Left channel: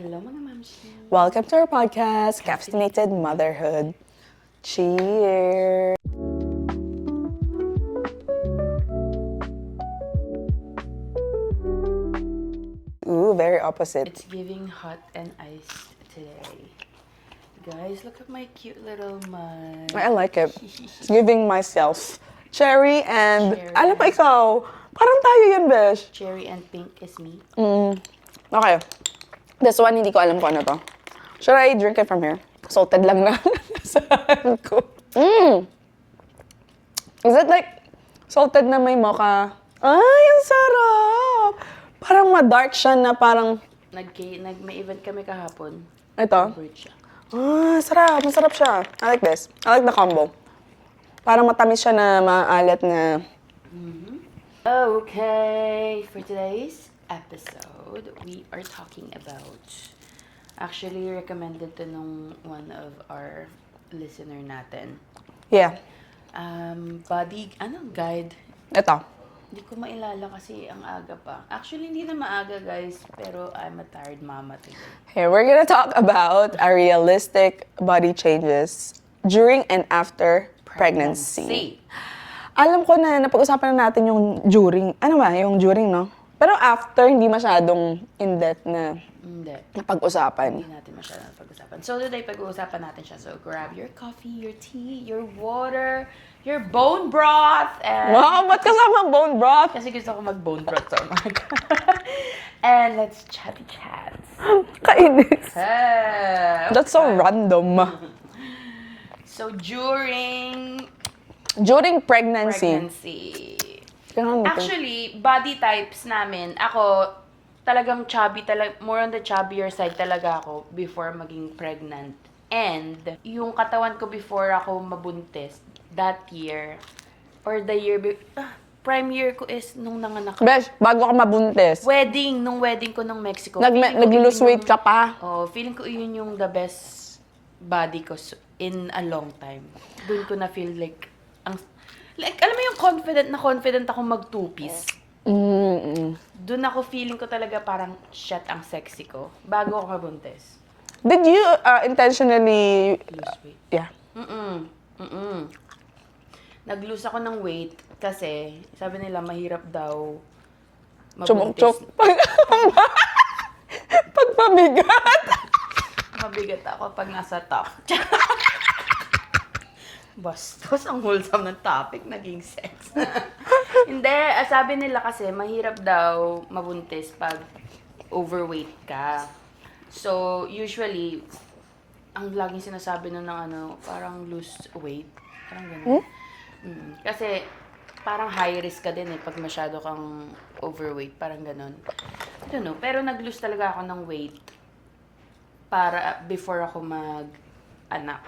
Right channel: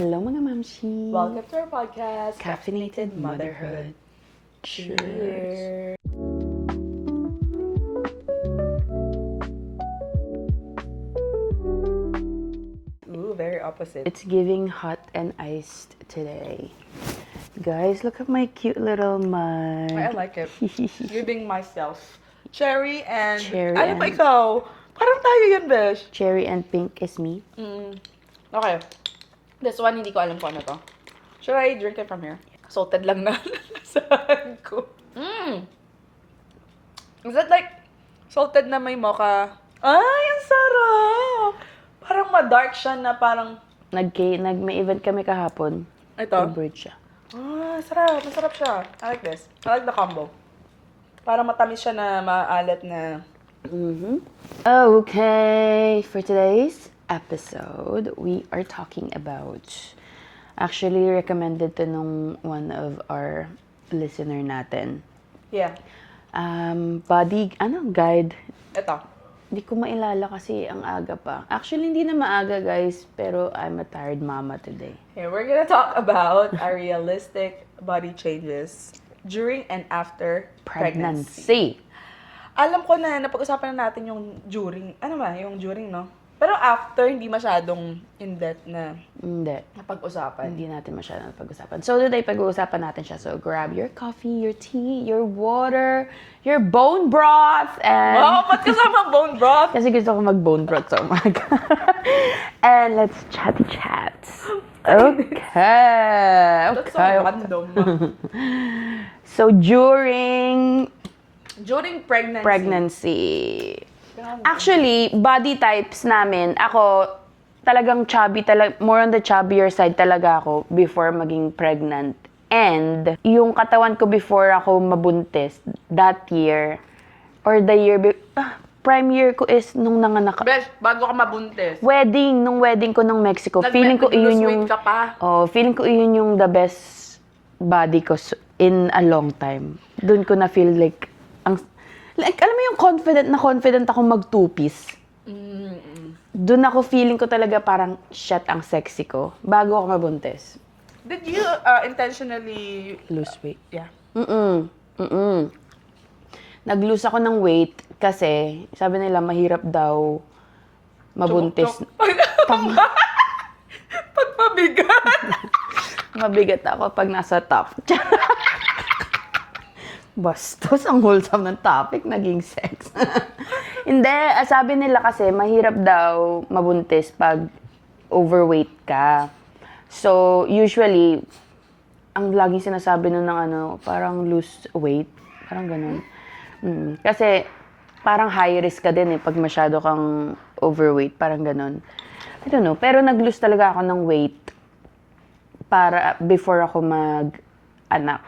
Hello mga mamshi! Welcome to our podcast, Caffeinated Motherhood. Cheers! Ooh, very opposite. It's giving hot and iced today. Guys, look at my cute little mug. I like it. It's giving myself cherry and... Cherry ano pa and- ikaw? Parang tayo yun, besh. Cherry and pink is me. Okay. This one, hindi ko alam kung ano to. Should I drink it from here? Salted lang na. Saan ko? Is it like salted na may mocha? Ay, ang sarap! Parang ma-dark siya na parang... May event kami kahapon. Ito? Bridge siya. Ah, sarap. Masarap siya. I like this. I like the combo. Parang matamis siya na maalat na... Okay, for today's episode, we are talking about... Actually, recommended to nung one of our listener natin. Yeah. Guide. Ito. Hindi ko mailala kasi ang aga pa. Actually, hindi na maaga, guys. Pero I'm a tired mama today. Here, we're gonna talk about a realistic body changes during and after pregnancy. Alam ko na napag-usapan na natin yung during, yung during, no? Pero after, hindi masyadong in-depth na Hindi. napag-usapan. Hindi natin masyadong pag-usapan. So, today, pag-uusapan natin siya. So, grab your coffee, your tea, your water, your bone broth, and... Wow, ba't kasama bone broth? Kasi gusto ko mag-bone broth sa umaga. And let's chat. Okay. That's so random. So, during pregnancy. Actually, body types namin, ako, talagang chubby, more on the chubbier side talaga ako before maging pregnant. And, yung katawan ko before ako mabuntis, that year, or the year, prime year ko is nung nanganak. Besh, bago ka mabuntis. Nung wedding ko ng Mexico. Feeling ko Nag-lose yun weight ka pa. feeling ko yun yung the best body ko in a long time. Doon ko na feel like, alam mo yung confident ako mag two-piece. Doon ako feeling ko talaga parang, shit, ang sexy ko. Bago ako mabuntis. Did you intentionally Lose weight. Yeah. Nag-lose ako ng weight kasi sabi nila mahirap daw mabuntis. Chumok-chok. Pag mabigat. Mabigat ako pag nasa top. Bastos, ang wholesome ng topic, naging sex. Hindi, sabi nila kasi mahirap daw mabuntis pag overweight ka. So, usually, ang laging sinasabi nun ng parang lose weight. Parang ganun. Kasi, parang high risk ka din pag masyado kang overweight. Parang ganun. I don't know. Pero nag-lose talaga ako ng weight before ako mag-anak.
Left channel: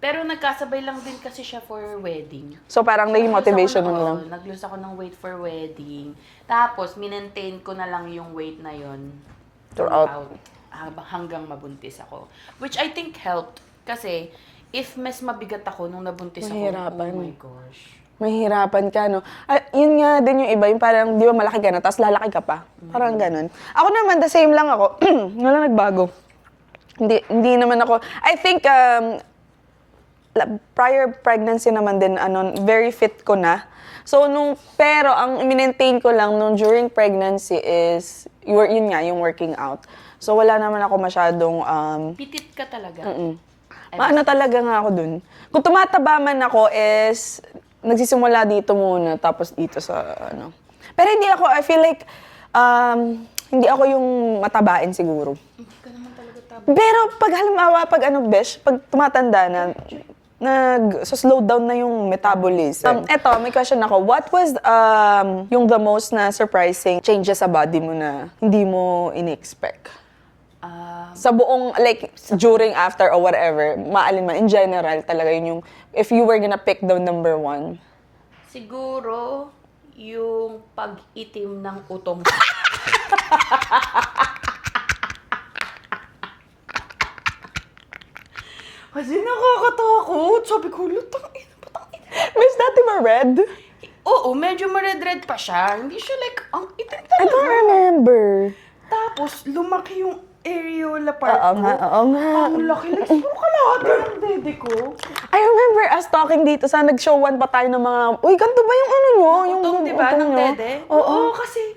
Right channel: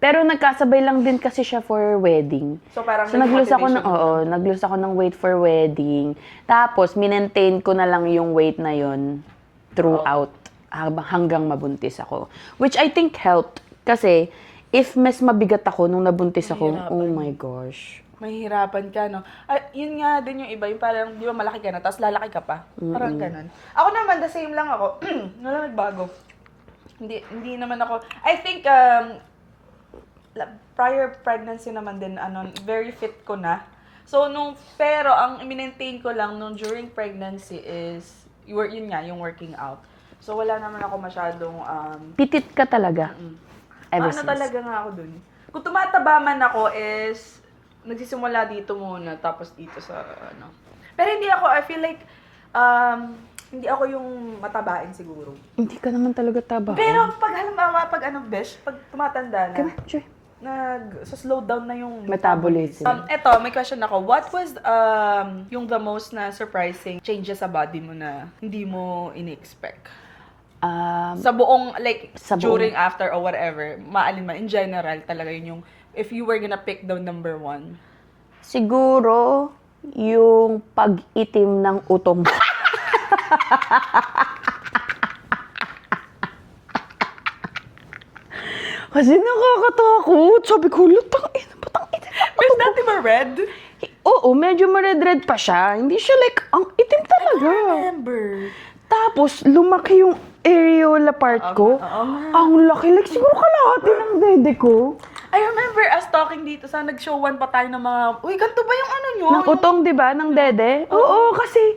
Pero nagkasabay lang din kasi siya for wedding. So parang naging motivation mo. Nag-lose ako ng weight for wedding. Tapos, minentain ko na lang yung weight na yon throughout hanggang mabuntis ako. Which I think helped. Kasi, if mas mabigat ako nung nabuntis ako, oh my gosh. Mahirapan ka, no? Yun nga din yung iba, yung parang di ba malaki ka na, tapos lalaki ka pa. Parang ganun. Ako naman, the same lang ako. Wala nagbago. Hindi naman ako, I think, prior pregnancy naman din, very fit ko na. So, pero ang minentain ko lang during pregnancy is, yun nga, yung working out. So, wala naman ako masyadong, Pitit ka talaga. talaga nga ako dun. Kung tumataba man ako is, nagsisimula dito muna, tapos dito sa, Pero hindi ako, I feel like, hindi ako yung matabain siguro. Hindi ka naman talaga taba. Pero pag halimbawa, pag tumatanda na, nag-slow down na yung metabolism. Eto, may question ako. What was yung the most na surprising changes sa body mo na hindi mo ini-expect? Sa buong, during, after, or whatever, maalin man, in general, talaga yun yung, if you were gonna pick the number one. Siguro, yung pag-itim ng utong. Kasi nakakatakot. Sabi ko, lutang itim. Where's dati ma-red? Oo, medyo ma-red-red pa siya. Hindi siya ang itim talaga. I don't remember. Tapos, lumaki yung areola part Oo ko. nga, oo nga. Ang laki. Like, siguro kalahati ng dede ko. I remember us talking dito sa nag-showan pa tayo ng mga, uy, ganito ba yung ano nyo? Ng utong, di ba? Ng dede. Oo, kasi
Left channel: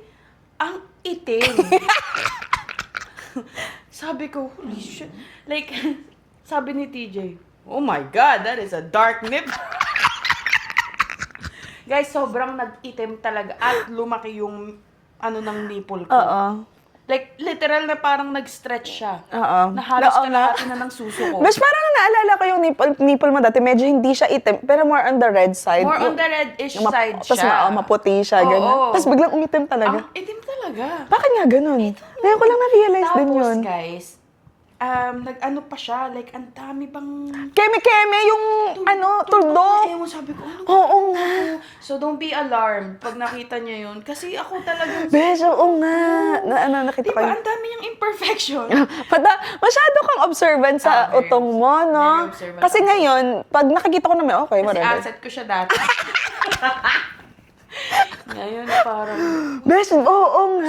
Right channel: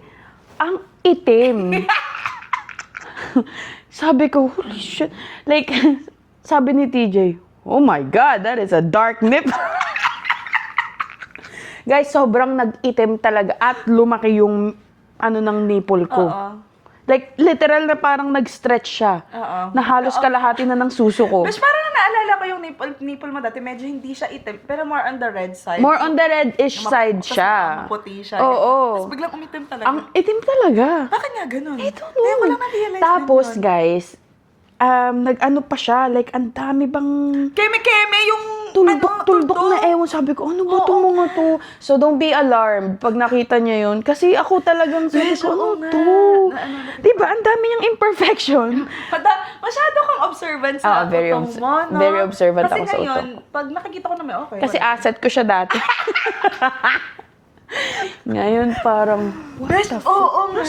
ang itim. Sabi ko, holy shit. Like, sabi ni TJ, oh my God, that is a dark nip. Guys, sobrang nag-itim talaga at lumaki yung ano ng nipple ko. Oo. Like, literal na parang nag-stretch siya. Oo. Na halos Oo, kalahati na ng suso ko. Mas parang naalala ko yung nipple mo dati, medyo hindi siya itim, pero more on the red side. More on the red-ish side siya. Maputi siya, Oo. ganyan. Tapos biglang umitim talaga. Ang itim talaga. Bakit nga ganun? Ngayon ko lang na-realize din Tapos, yun. guys, nag-ano pa siya, like, ang dami bang Keme-keme yung tuldok na ewan. Sabi ko, ano ba ito mga to? So, don't be alarmed pag nakita niya yun. Kasi ako talagang sabi Besh, ko, oo ano nga. to? Nakita Diba, ko. ang dami niyang imperfection. Masyado kang observant sa very utong mo, no? very observant Kasi ako sa ngayon, pag nakikita ko naman, okay, Kasi whatever. asset ko siya dati. Ngayon, parang, Besh, oo nga.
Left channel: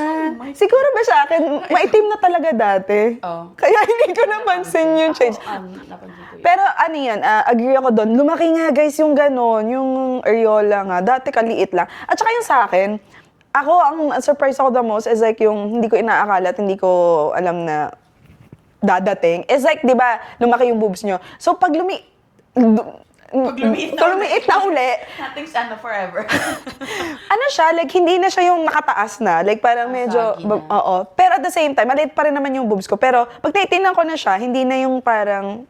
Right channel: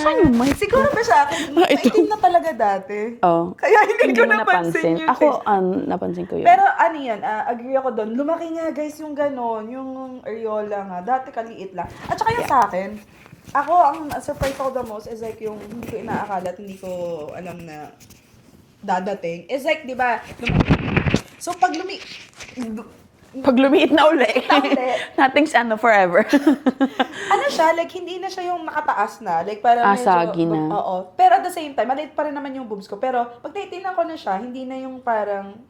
Siguro ba sa akin, maitim na talaga dati. Oh. Kaya hindi ko napansin yung change. Ako, napansin ko yun. Pero ano yan, agree ako doon. Lumaki nga guys yung gano'n, yung areola nga. Dati kaliit lang. At saka yung sa akin, ako, ang surprise ako the most is like yung hindi ko inaakala at hindi ko alam na dadating. Is like, di ba, lumaki yung boobs nyo. So pag Pag lumiit na uli. Nothing's forever. ano siya, like, hindi na siya yung nakataas na. Like, parang medyo, saggi na. oo. Pero at the same time, maliit pa rin naman yung boobs ko. Pero, pag tinitingnan ko na siya, hindi na yung parang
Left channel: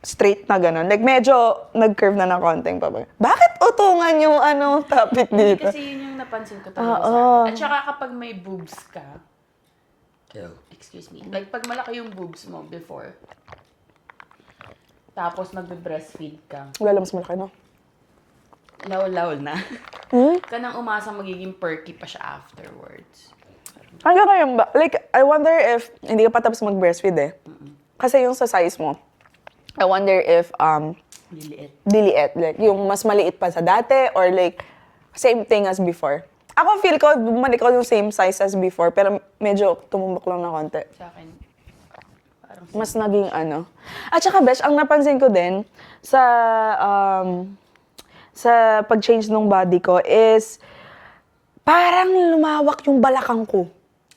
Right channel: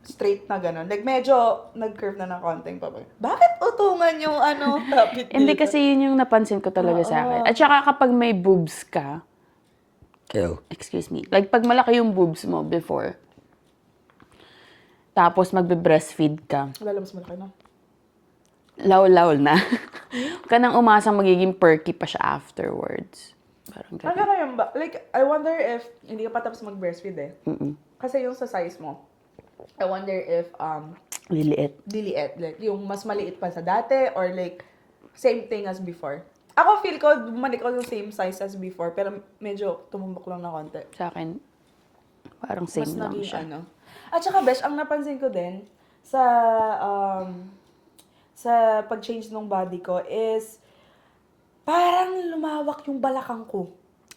straight na gano'n. Like, medyo nag-curve na ng konting pa. Bakit utungan yung topic dito? Hindi kasi yun yung napansin ko talaga sa akin. At saka kapag may boobs ka, excuse me, like pag malaki yung boobs mo before, tapos magbe-breastfeed ka, Wala lang mas malaki, no? law na. Kanang umasa magiging perky pa siya afterwards. Parang Ano kaya ba? Like, I wonder if, hindi ka pa tapos mag-breastfeed eh. Kasi yung sa size mo, I wonder if, liliit. diliit. Like, yung mas maliit pa sa dati or like, same thing as before. Ako feel ko, bumalik ko yung same size as before, pero medyo tumumbok lang na konti. Sa akin, parang same Mas lang naging siya. At saka, Besh, ang napansin ko din sa pag-change ng body ko is parang lumawak yung balakang ko.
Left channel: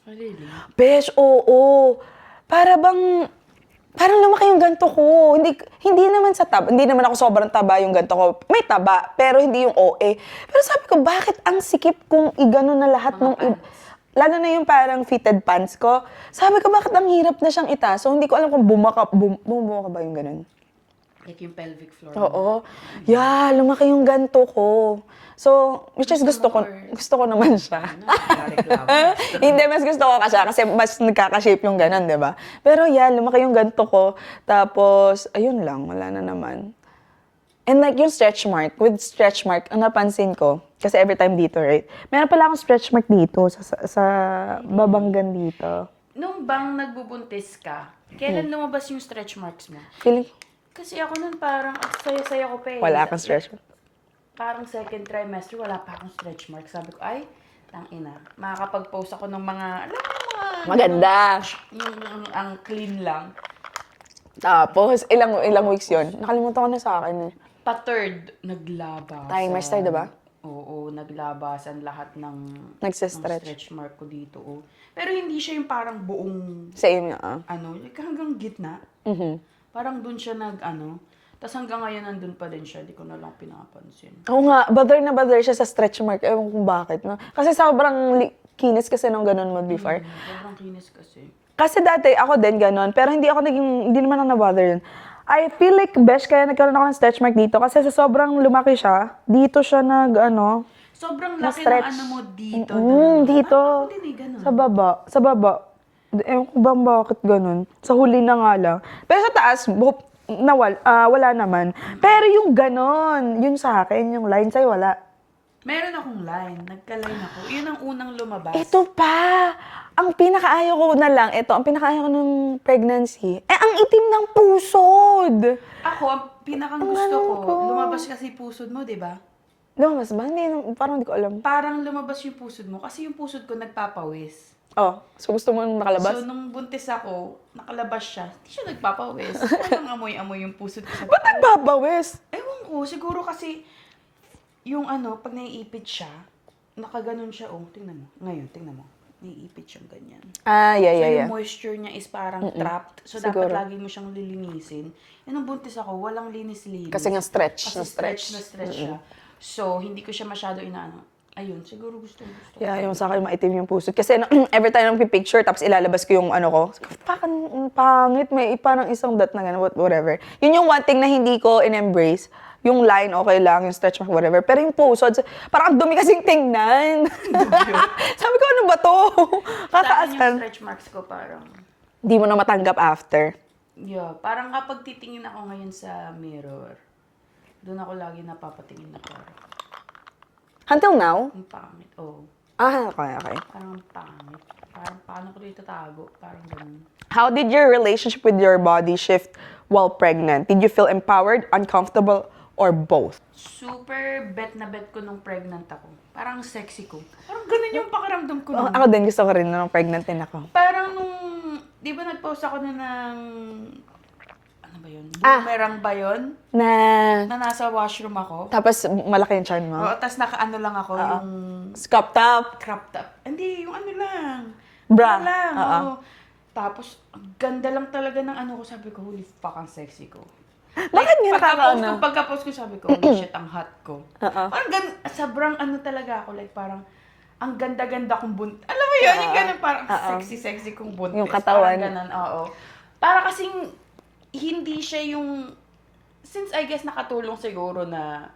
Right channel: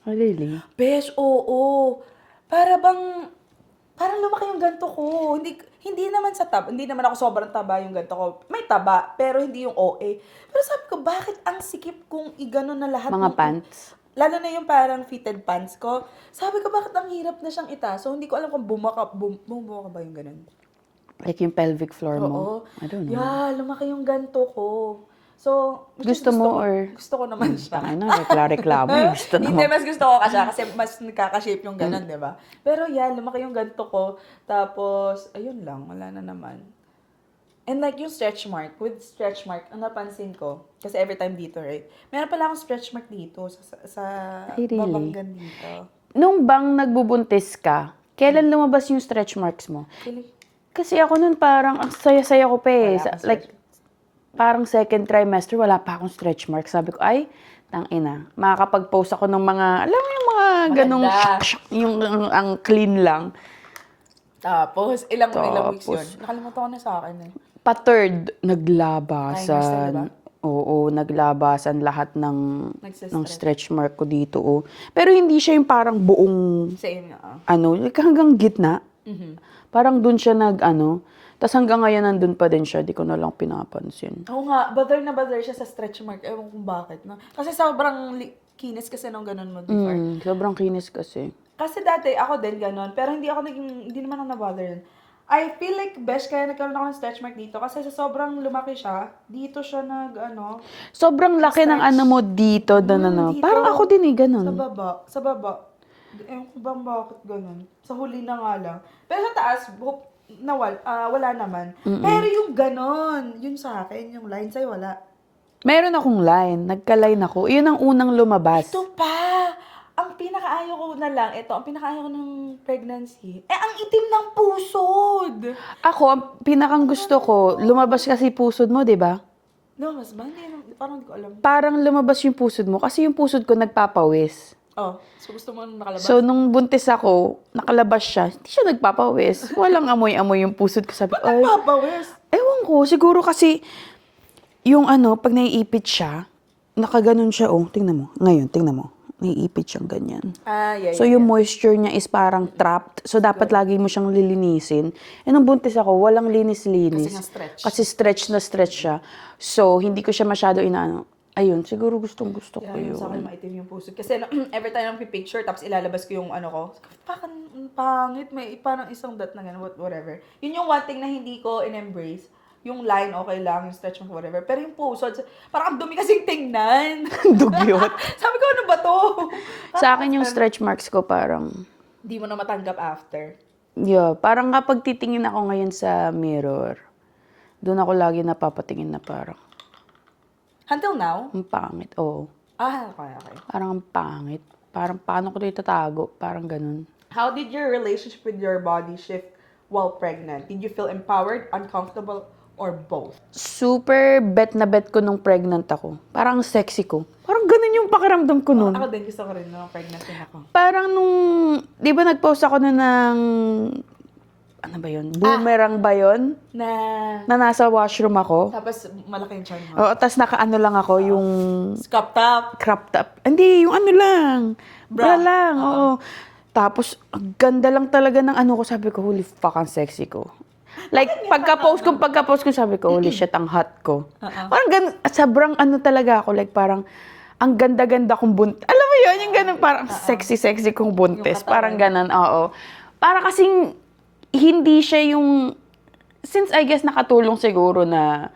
Oh, really? Besh, oo. Parang lumaki yung ganto ko. Hindi naman sa taba. Hindi naman ako sobrang taba yung ganto ko. May taba, pero hindi yung OA. Pero sabi ko, bakit ang sikip kung igano na lahat Mga pants? Lalo na yung parang fitted pants ko. Sabi ko, bakit ang hirap na siyang itaas? So, hindi ko alam kung bumaka ba yung ganun. Like yung pelvic floor mo. Oo. Yeah, lumaki yung ganto ko. So, which is Gusto mo gusto ko naman siya. Ano, reklamo. Gusto Hindi, mas gusto ko kasi mas nagkaka-shape yung ganun, di ba? Pero yeah, lumaki yung ganto ko. Tapos, ayun lang, wala na naman. And like yung stretch mark, with stretch mark, ang napansin ko, kasi every time dito, right? Meron pala akong stretch mark dito, sa Really? babanggan dito. Nung bang nagbubuntis ka, kailan lumabas yung stretch marks mo? Feeling, Kasi ako nun parang, ang saya-saya ko pa eh. wala kang stretch mark. Parang second trimester, wala pa akong stretch mark. Sabi ko, ay, tangina. Makakapag-post ako ng mga, alam mo yung mga ganong, Maganda. yung ang clean lang. Tapos, ilang weeks yun? Nakalimutan ko na sa akin. Pa-third, naglabasan. Trimester, diba? Oo, naglabasan lahat ng Nagsistretch. stretch mark ko dito. Oh. Pero hindi siya yung parang buong, Same nga. like hanggang gitna. Parang dun siya tas hanggang ngayon nandun pa din siya, di ko na lang pinapansin. Oo nga, bother na bother siya sa stretch mark. Ewan kung bakit. No? Kasi sobrang kinis kasi nung ganun mo before. Sobrang kinis kasi. Kasi dati ako din ganun, pero hindi naman ako na-bother yun. I feel like, Besh, kaya nagkaroon ako ng stretch mark dito kasi sa sobrang lumaki siya, dito siya Sobrang laki ng stretch. mo dito. Dito. Parang ako din ganun. Sa baba. Ewan ko ba bakit ganun. Sa huli na nga lang. Pero sa taas, wala naman. Pero yung ganun, yun sa akin, yung line sa'yo, wala. Meron akong line. Nagka-line ako. Yun ang unang lumabas. Ito pa! Ang pinakaayaw ko na lang, ang pinakaayaw ko ng pregnancy, ang itim ng pusod! Ako, pinakang gusto ko, lumabas kasi pusod mo, di ba? Lumabas ba? Hindi, parang hindi ko alam. Parang lumabas yung pusod mo kasi yung pusod ko nagpapawis. Oh, so gusto mo nung nakalabas? So, nung buntis ako, nakalabas siya, hindi siya nagpapawis. Walang amoy-amoy yung pusod ko. Sabi ko, Ba't nagbabawis? ewan ko, siguro kasi, yung pag naiipit siya, nakaganon siya, tingnan mo. Ngayon, tingnan mo. Naiipit siyang ganyan. Yeah, So, yung moisture niya is parang trapped. So, dapat lagi mo siyang lilinisin. Nung buntis ako, walang linis-linis. Kasi nga stretch. Kasi stretch na stretch siya. So, hindi ko siya masyado inaano. Ayun, siguro gustong-gusto ko. Yeah, yung yun. sa akin maitim yung puso. Kasi every time nang picture tapos ilalabas ko yung ko, parang pangit, may parang isang dot na gano'n, whatever. Yun yung one thing na hindi ko in-embrace. Yung line, okay lang, yung stretch mark, whatever. Pero yung puso, parang ang dumi kasing tingnan. Dugyot. Sabi ko, ano ba to? Sa akin yung stretch marks ko parang, Di mo na matanggap after. yeah, parang kapag titingin ako ngayon sa mirror, doon ako lagi napapatingin na parang, Until now? ang pangit. Oo. Okay. Parang ang pangit. Parang paano ko ito itatago? Parang ganun. How did your relationship with your body shift while pregnant? Did you feel empowered, uncomfortable, or both? Super bet na bet ko nung pregnant ako. Parang ang sexy ko. Parang ganun yung pakiramdam ko nun. Ako din, gusto ko rin nung pregnant din ako. Parang nung, di ba nag-post ako na ng, ano ba yun? Boomerang ba yun? Na nasa washroom ako. Tapos, malaki yung chan mo. Oo, tas nakaano lang ako, yung Scrap top. crop top. Hindi, yung ano lang. Bra lang, oo. Tapos, ang ganda lang talaga ng ano ko. Sabi ko, holy fuck, ang sexy ko. Like, Bakit nga pagka-post ko, sabi ko, holy shit, ang hot ko. Parang sobrang ano talaga ako. Like, parang, ang ganda-ganda kong buntis. Alam mo yun, yung ganun, parang sexy-sexy kong buntis. Yung katawan. Parang ganun, oo. Para kasing, hindi siya yung, since I guess nakatulong siguro na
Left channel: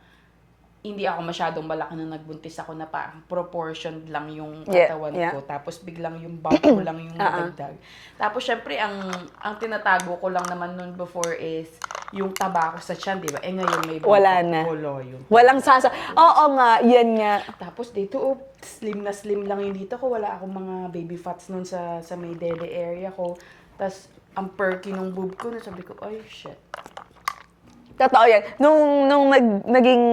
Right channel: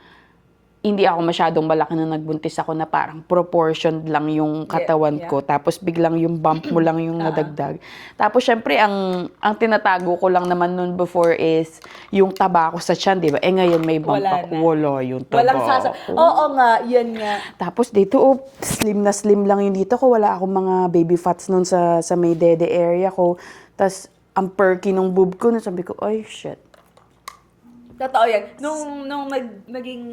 hindi ako masyadong malaki na nagbuntis ako na parang proportioned lang yung katawan Yeah. ko. Tapos biglang yung bump mo lang yung nadagdag. Tapos syempre, ang tinatago ko lang naman nun before is yung taba ko sa tiyan, di ba? Ngayon may bump Wala ako. na. Wala yung taba. Walang Oo nga, yan nga. Tapos dito, slim na slim lang yung dito ko. Wala akong mga baby fats nun sa may dede area ko. Tapos, ang perky nung boob ko, sabi ko, ay, shit. Totoo yan. Nung naging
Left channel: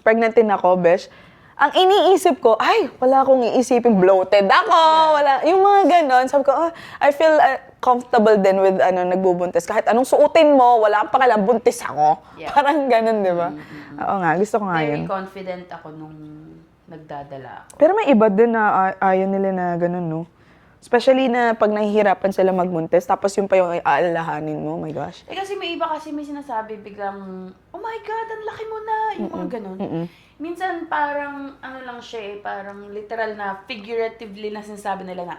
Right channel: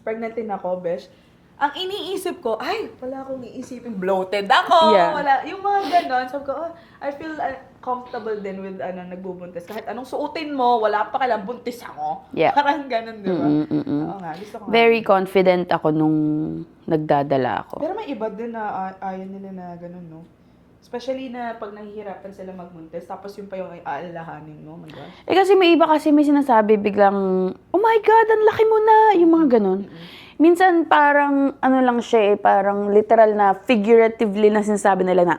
pregnant din ako, besh, ang iniisip ko, ay, wala akong iisipin bloated ako. Yeah. Wala. Yung mga ganon, sabi ko, I feel comfortable din with nagbubuntis. Kahit anong suotin mo, wala pa kailang buntis ako. Yeah. Parang ganon, di ba? Oo nga, gusto ko nga Very yun. confident ako nung nagdadala ako. Pero may iba din na ayaw nila na ganon, no? Especially na pag nahihirapan sila magbuntis, tapos yung pa yung aalalahanin mo, oh my gosh. Kasi may iba kasi may sinasabi biglang, oh my God, ang laki mo na, yung mga ganun. Minsan parang, ano lang siya parang literal na, figuratively na sinasabi nila na,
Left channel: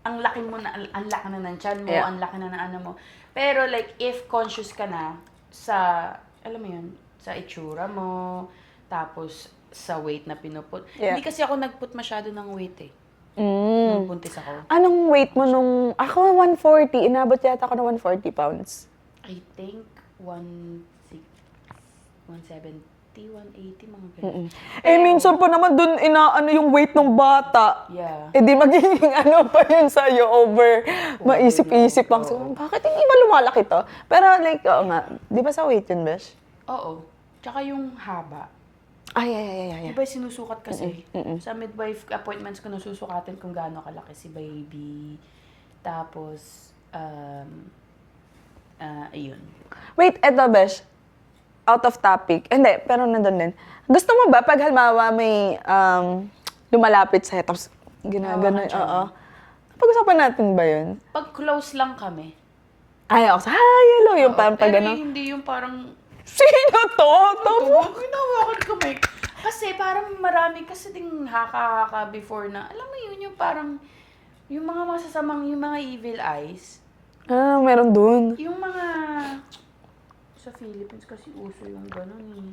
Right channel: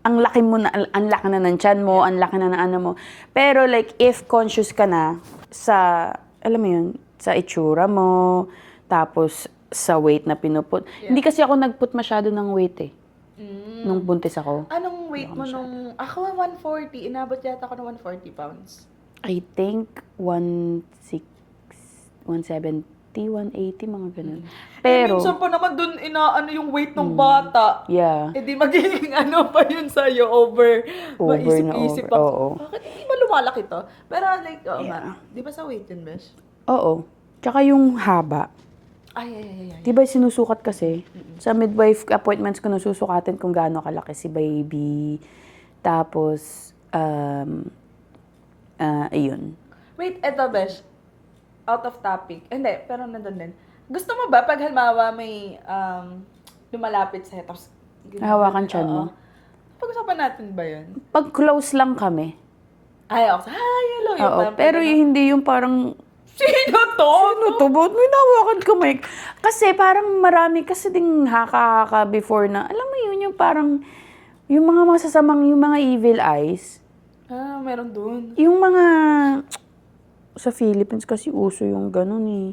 ang laki mo na, ang laki na ng tiyan mo, Yeah. ang laki na ng ano mo. Pero like, if conscious ka na sa, alam mo yun, sa itsura mo, tapos sa weight na pinuput. Yeah. Hindi kasi ako nagput masyado ng weight nung buntis ako. Anong weight mo nung... Ako, 140. Inabot yata ako ng 140 pounds. I think 160, 170, 180, mga ganun. Minsan pa naman dun inaano yung weight ng bata. Yeah. Di magiging ano pa yun sa'yo over maisip-isip lang. oo. Bakit hindi ba lumalaki to? Pero like, oo nga. Di ba sa weight yun, Besh? Oo. Tsaka yung haba. Ay. Di ba sinusukat kasi? Sa midwife appointments ko nasusukatin kung gaano kalaki si baby. Tapos, ayun. Wait, eto, Besh. Out of topic. Hindi, pero nandun din. Gusto mo ba pag halimbawa may lumalapit sa'yo, tapos Hawakan siya, no? Pag-usapan natin ba yun? Pag close lang kami. Ay, ako sa, hello, yung Oo, parang pero ganun. hindi yung parang, Sino to? Ba't may nawakan kamay? Kasi parang marami kasi ding haka-haka before na, alam mo yun, yung parang, yung mga masasamang, yung mga evil eyes. Meron dun. Yung mga, sa Philippines kasi uso yung ganun eh.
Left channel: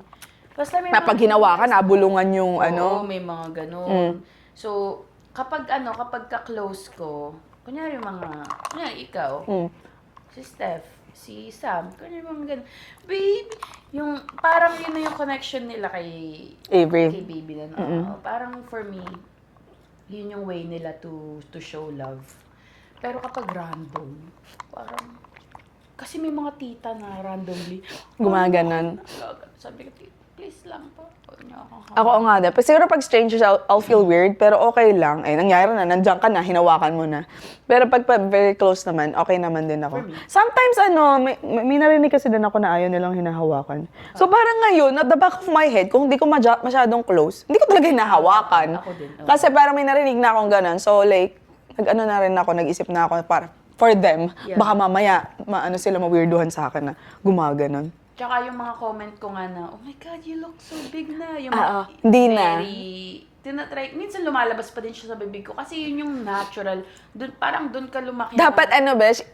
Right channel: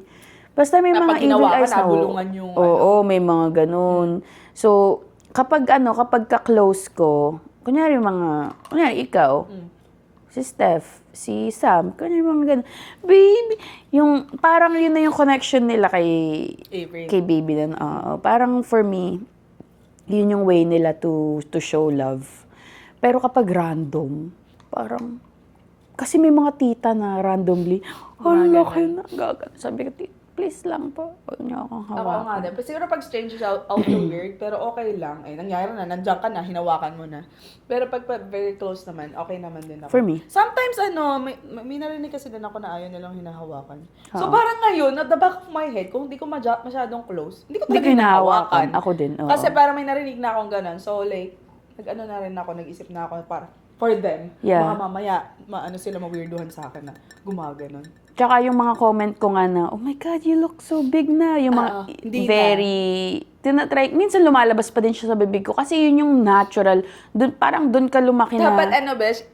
Basta may Na mga pag ginawa evil ka, eyes na nabulungan yung Oo, may mga ganun. So, kapag ka-close ko, kunyari ikaw, si Steph, si Sam, kunyari mga ganun. Baby, yung, parang yun na yung connection nila kay Avery. kay baby na. Oo. Parang for me, yun yung way nila to show love. Pero kapag random, parang, kasi may mga tita na randomly, Mga ganun. Sabi ko, please lang po, huwag niyo akong Ako hawakan. nga din. Pero siguro pag strangers, I'll feel weird, pero okay lang. Eh, nangyari na, nandiyan ka na, hinawakan mo na. Pero pag very close naman, okay naman din ako. For me. Sometimes, may narinig kasi din ako na ayaw nilang hinahawakan. So parang ngayon, at the back of my head, kung hindi ko masyadong close, hindi ko talaga Hindi ko hinahawakan. hinahawakan. Ako din, oo. Kasi parang may narinig na akong ganun. So like, nag-ano na rin ako, nag-isip na ako para for them, Yeah. baka mamaya, sila ma-weirduhan sa akin na gumaganon. Tsaka yung mga comment ko nga na, oh my God, you look so big na. Yung mga Hindi na. very, tinatry, minsan lumalabas pa din siya sa bibig ko. Kasi yun yung natural. Parang dun ka lumaki na. Dapat besh,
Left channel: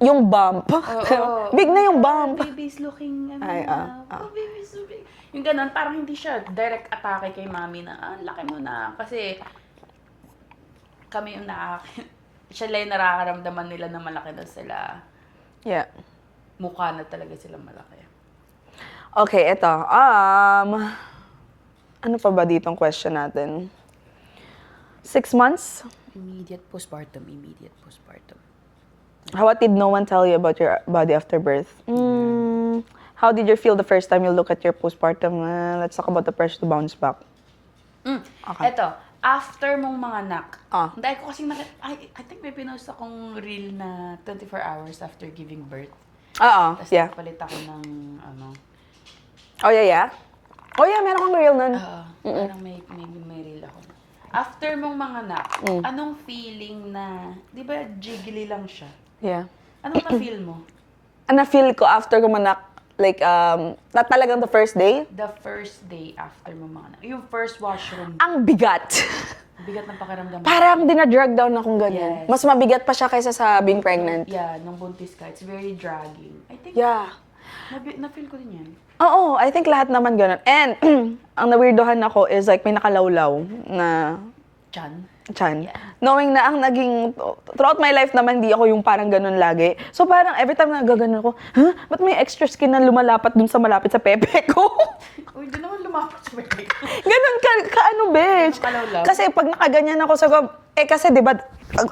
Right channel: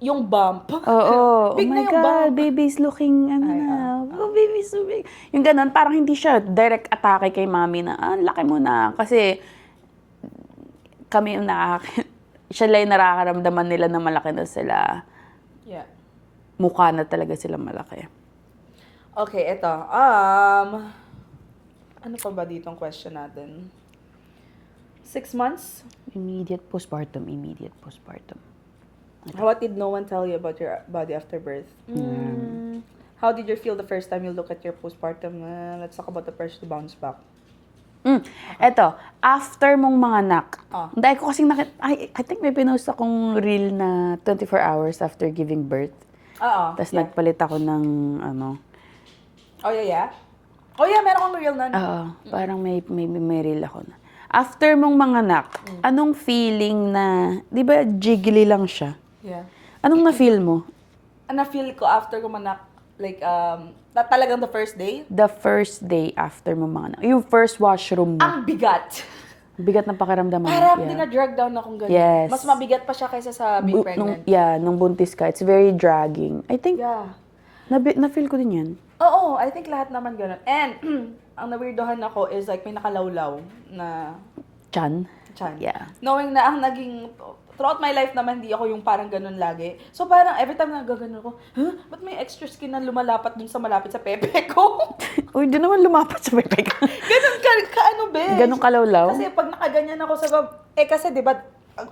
yung bump. Oo. Big Oh na my yung God, bump. baby's looking, Ay, oh, baby's so big. Yung ganun, parang hindi siya direct atake kay mami na, laki mo na. Kasi kami yung siya lang yung nakakaramdaman nila na malaki na sila. Yeah. Mukha na talaga sila malaki. Okay, eto. Ano pa ba ditong question natin? 6 months? Immediate postpartum. What did no one tell you about your body after birth? How did you feel the first time you look at your postpartum? Let's talk about the pressure to bounce back. Eto, after mong mga anak, dahil ko kasing I think may pinost akong reel na 24 hours after giving birth. Oo. Tapos Yeah. nagpalit ako ng Oh, yeah? Oh, yeah, meron kang reel nun. parang may reel ako na. After mong mga anak, anong feeling na, di ba jiggly lang siya? Yeah. Anong na-feel mo? Na-feel ko after gumanak, like, na talagang the first day, The first day after mong mga anak. Yung first washroom mo. ang bigat. Bigat ng pakiramdam mo. Parang dina-drag down akong ganun. Yes. Mas mabigat pa siya kaysa sa being pregnant. Nung buntis ka. It's very dragging. I think, Yeah. na-feel ko din yan. Oo, I think lahat naman ganun. And, ang na-weirdohan ako is like may nakalawlaw na Chan? tiyan. Yeah. Knowing na ang naging, throughout my life naman, hindi ako yung parang ganun lagi. So parang every time na gaganon ako, ba't may extra skin na lumalapat dun sa malapit sa pepe ko? Uy, di naman lumapat sa pepe ka. Ganun ano, besh? Ganun kalawlaw? Kasi pag nakaganyan ako sa kasi di ba,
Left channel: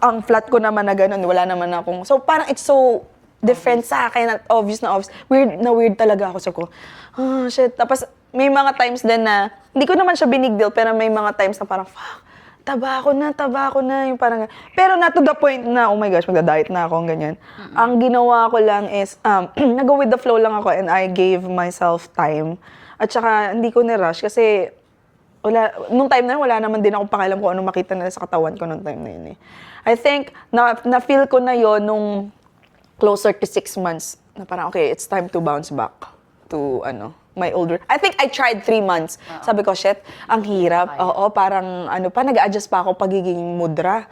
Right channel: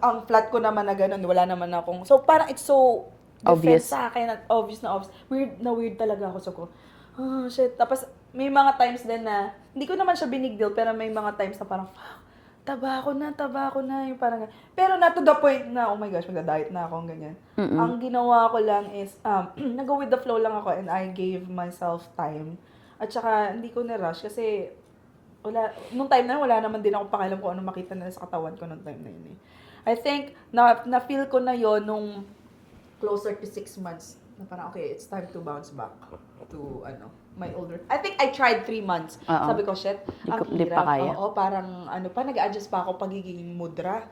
ang flat ko naman na ganun, wala naman akong, so parang it's so different Obvious. sa akin, obvious na obvious. Weird talaga ako sa ko. Shit. Tapos may mga times din na, hindi ko naman siya big deal, pero may mga times na parang, fuck, taba ko na, yung parang, pero not to the point na, oh my gosh, magda-diet na ako, ganyan. Ang ginawa ko lang is, nag-go with the flow lang ako and I gave myself time. At saka, hindi ko ni-rush kasi, nung time na yun, wala naman din ako pakialam kung anong makita nila sa katawan ko nung time na yun eh. I think, na-feel ko na yon nung closer to 6 months, na parang, okay, it's time to bounce back to, my older. I think I tried 3 months. Sabi ko, shit, ang Hindi hirap. pa kaya. Oo, parang, nag-adjust pa ako pagiging mudra.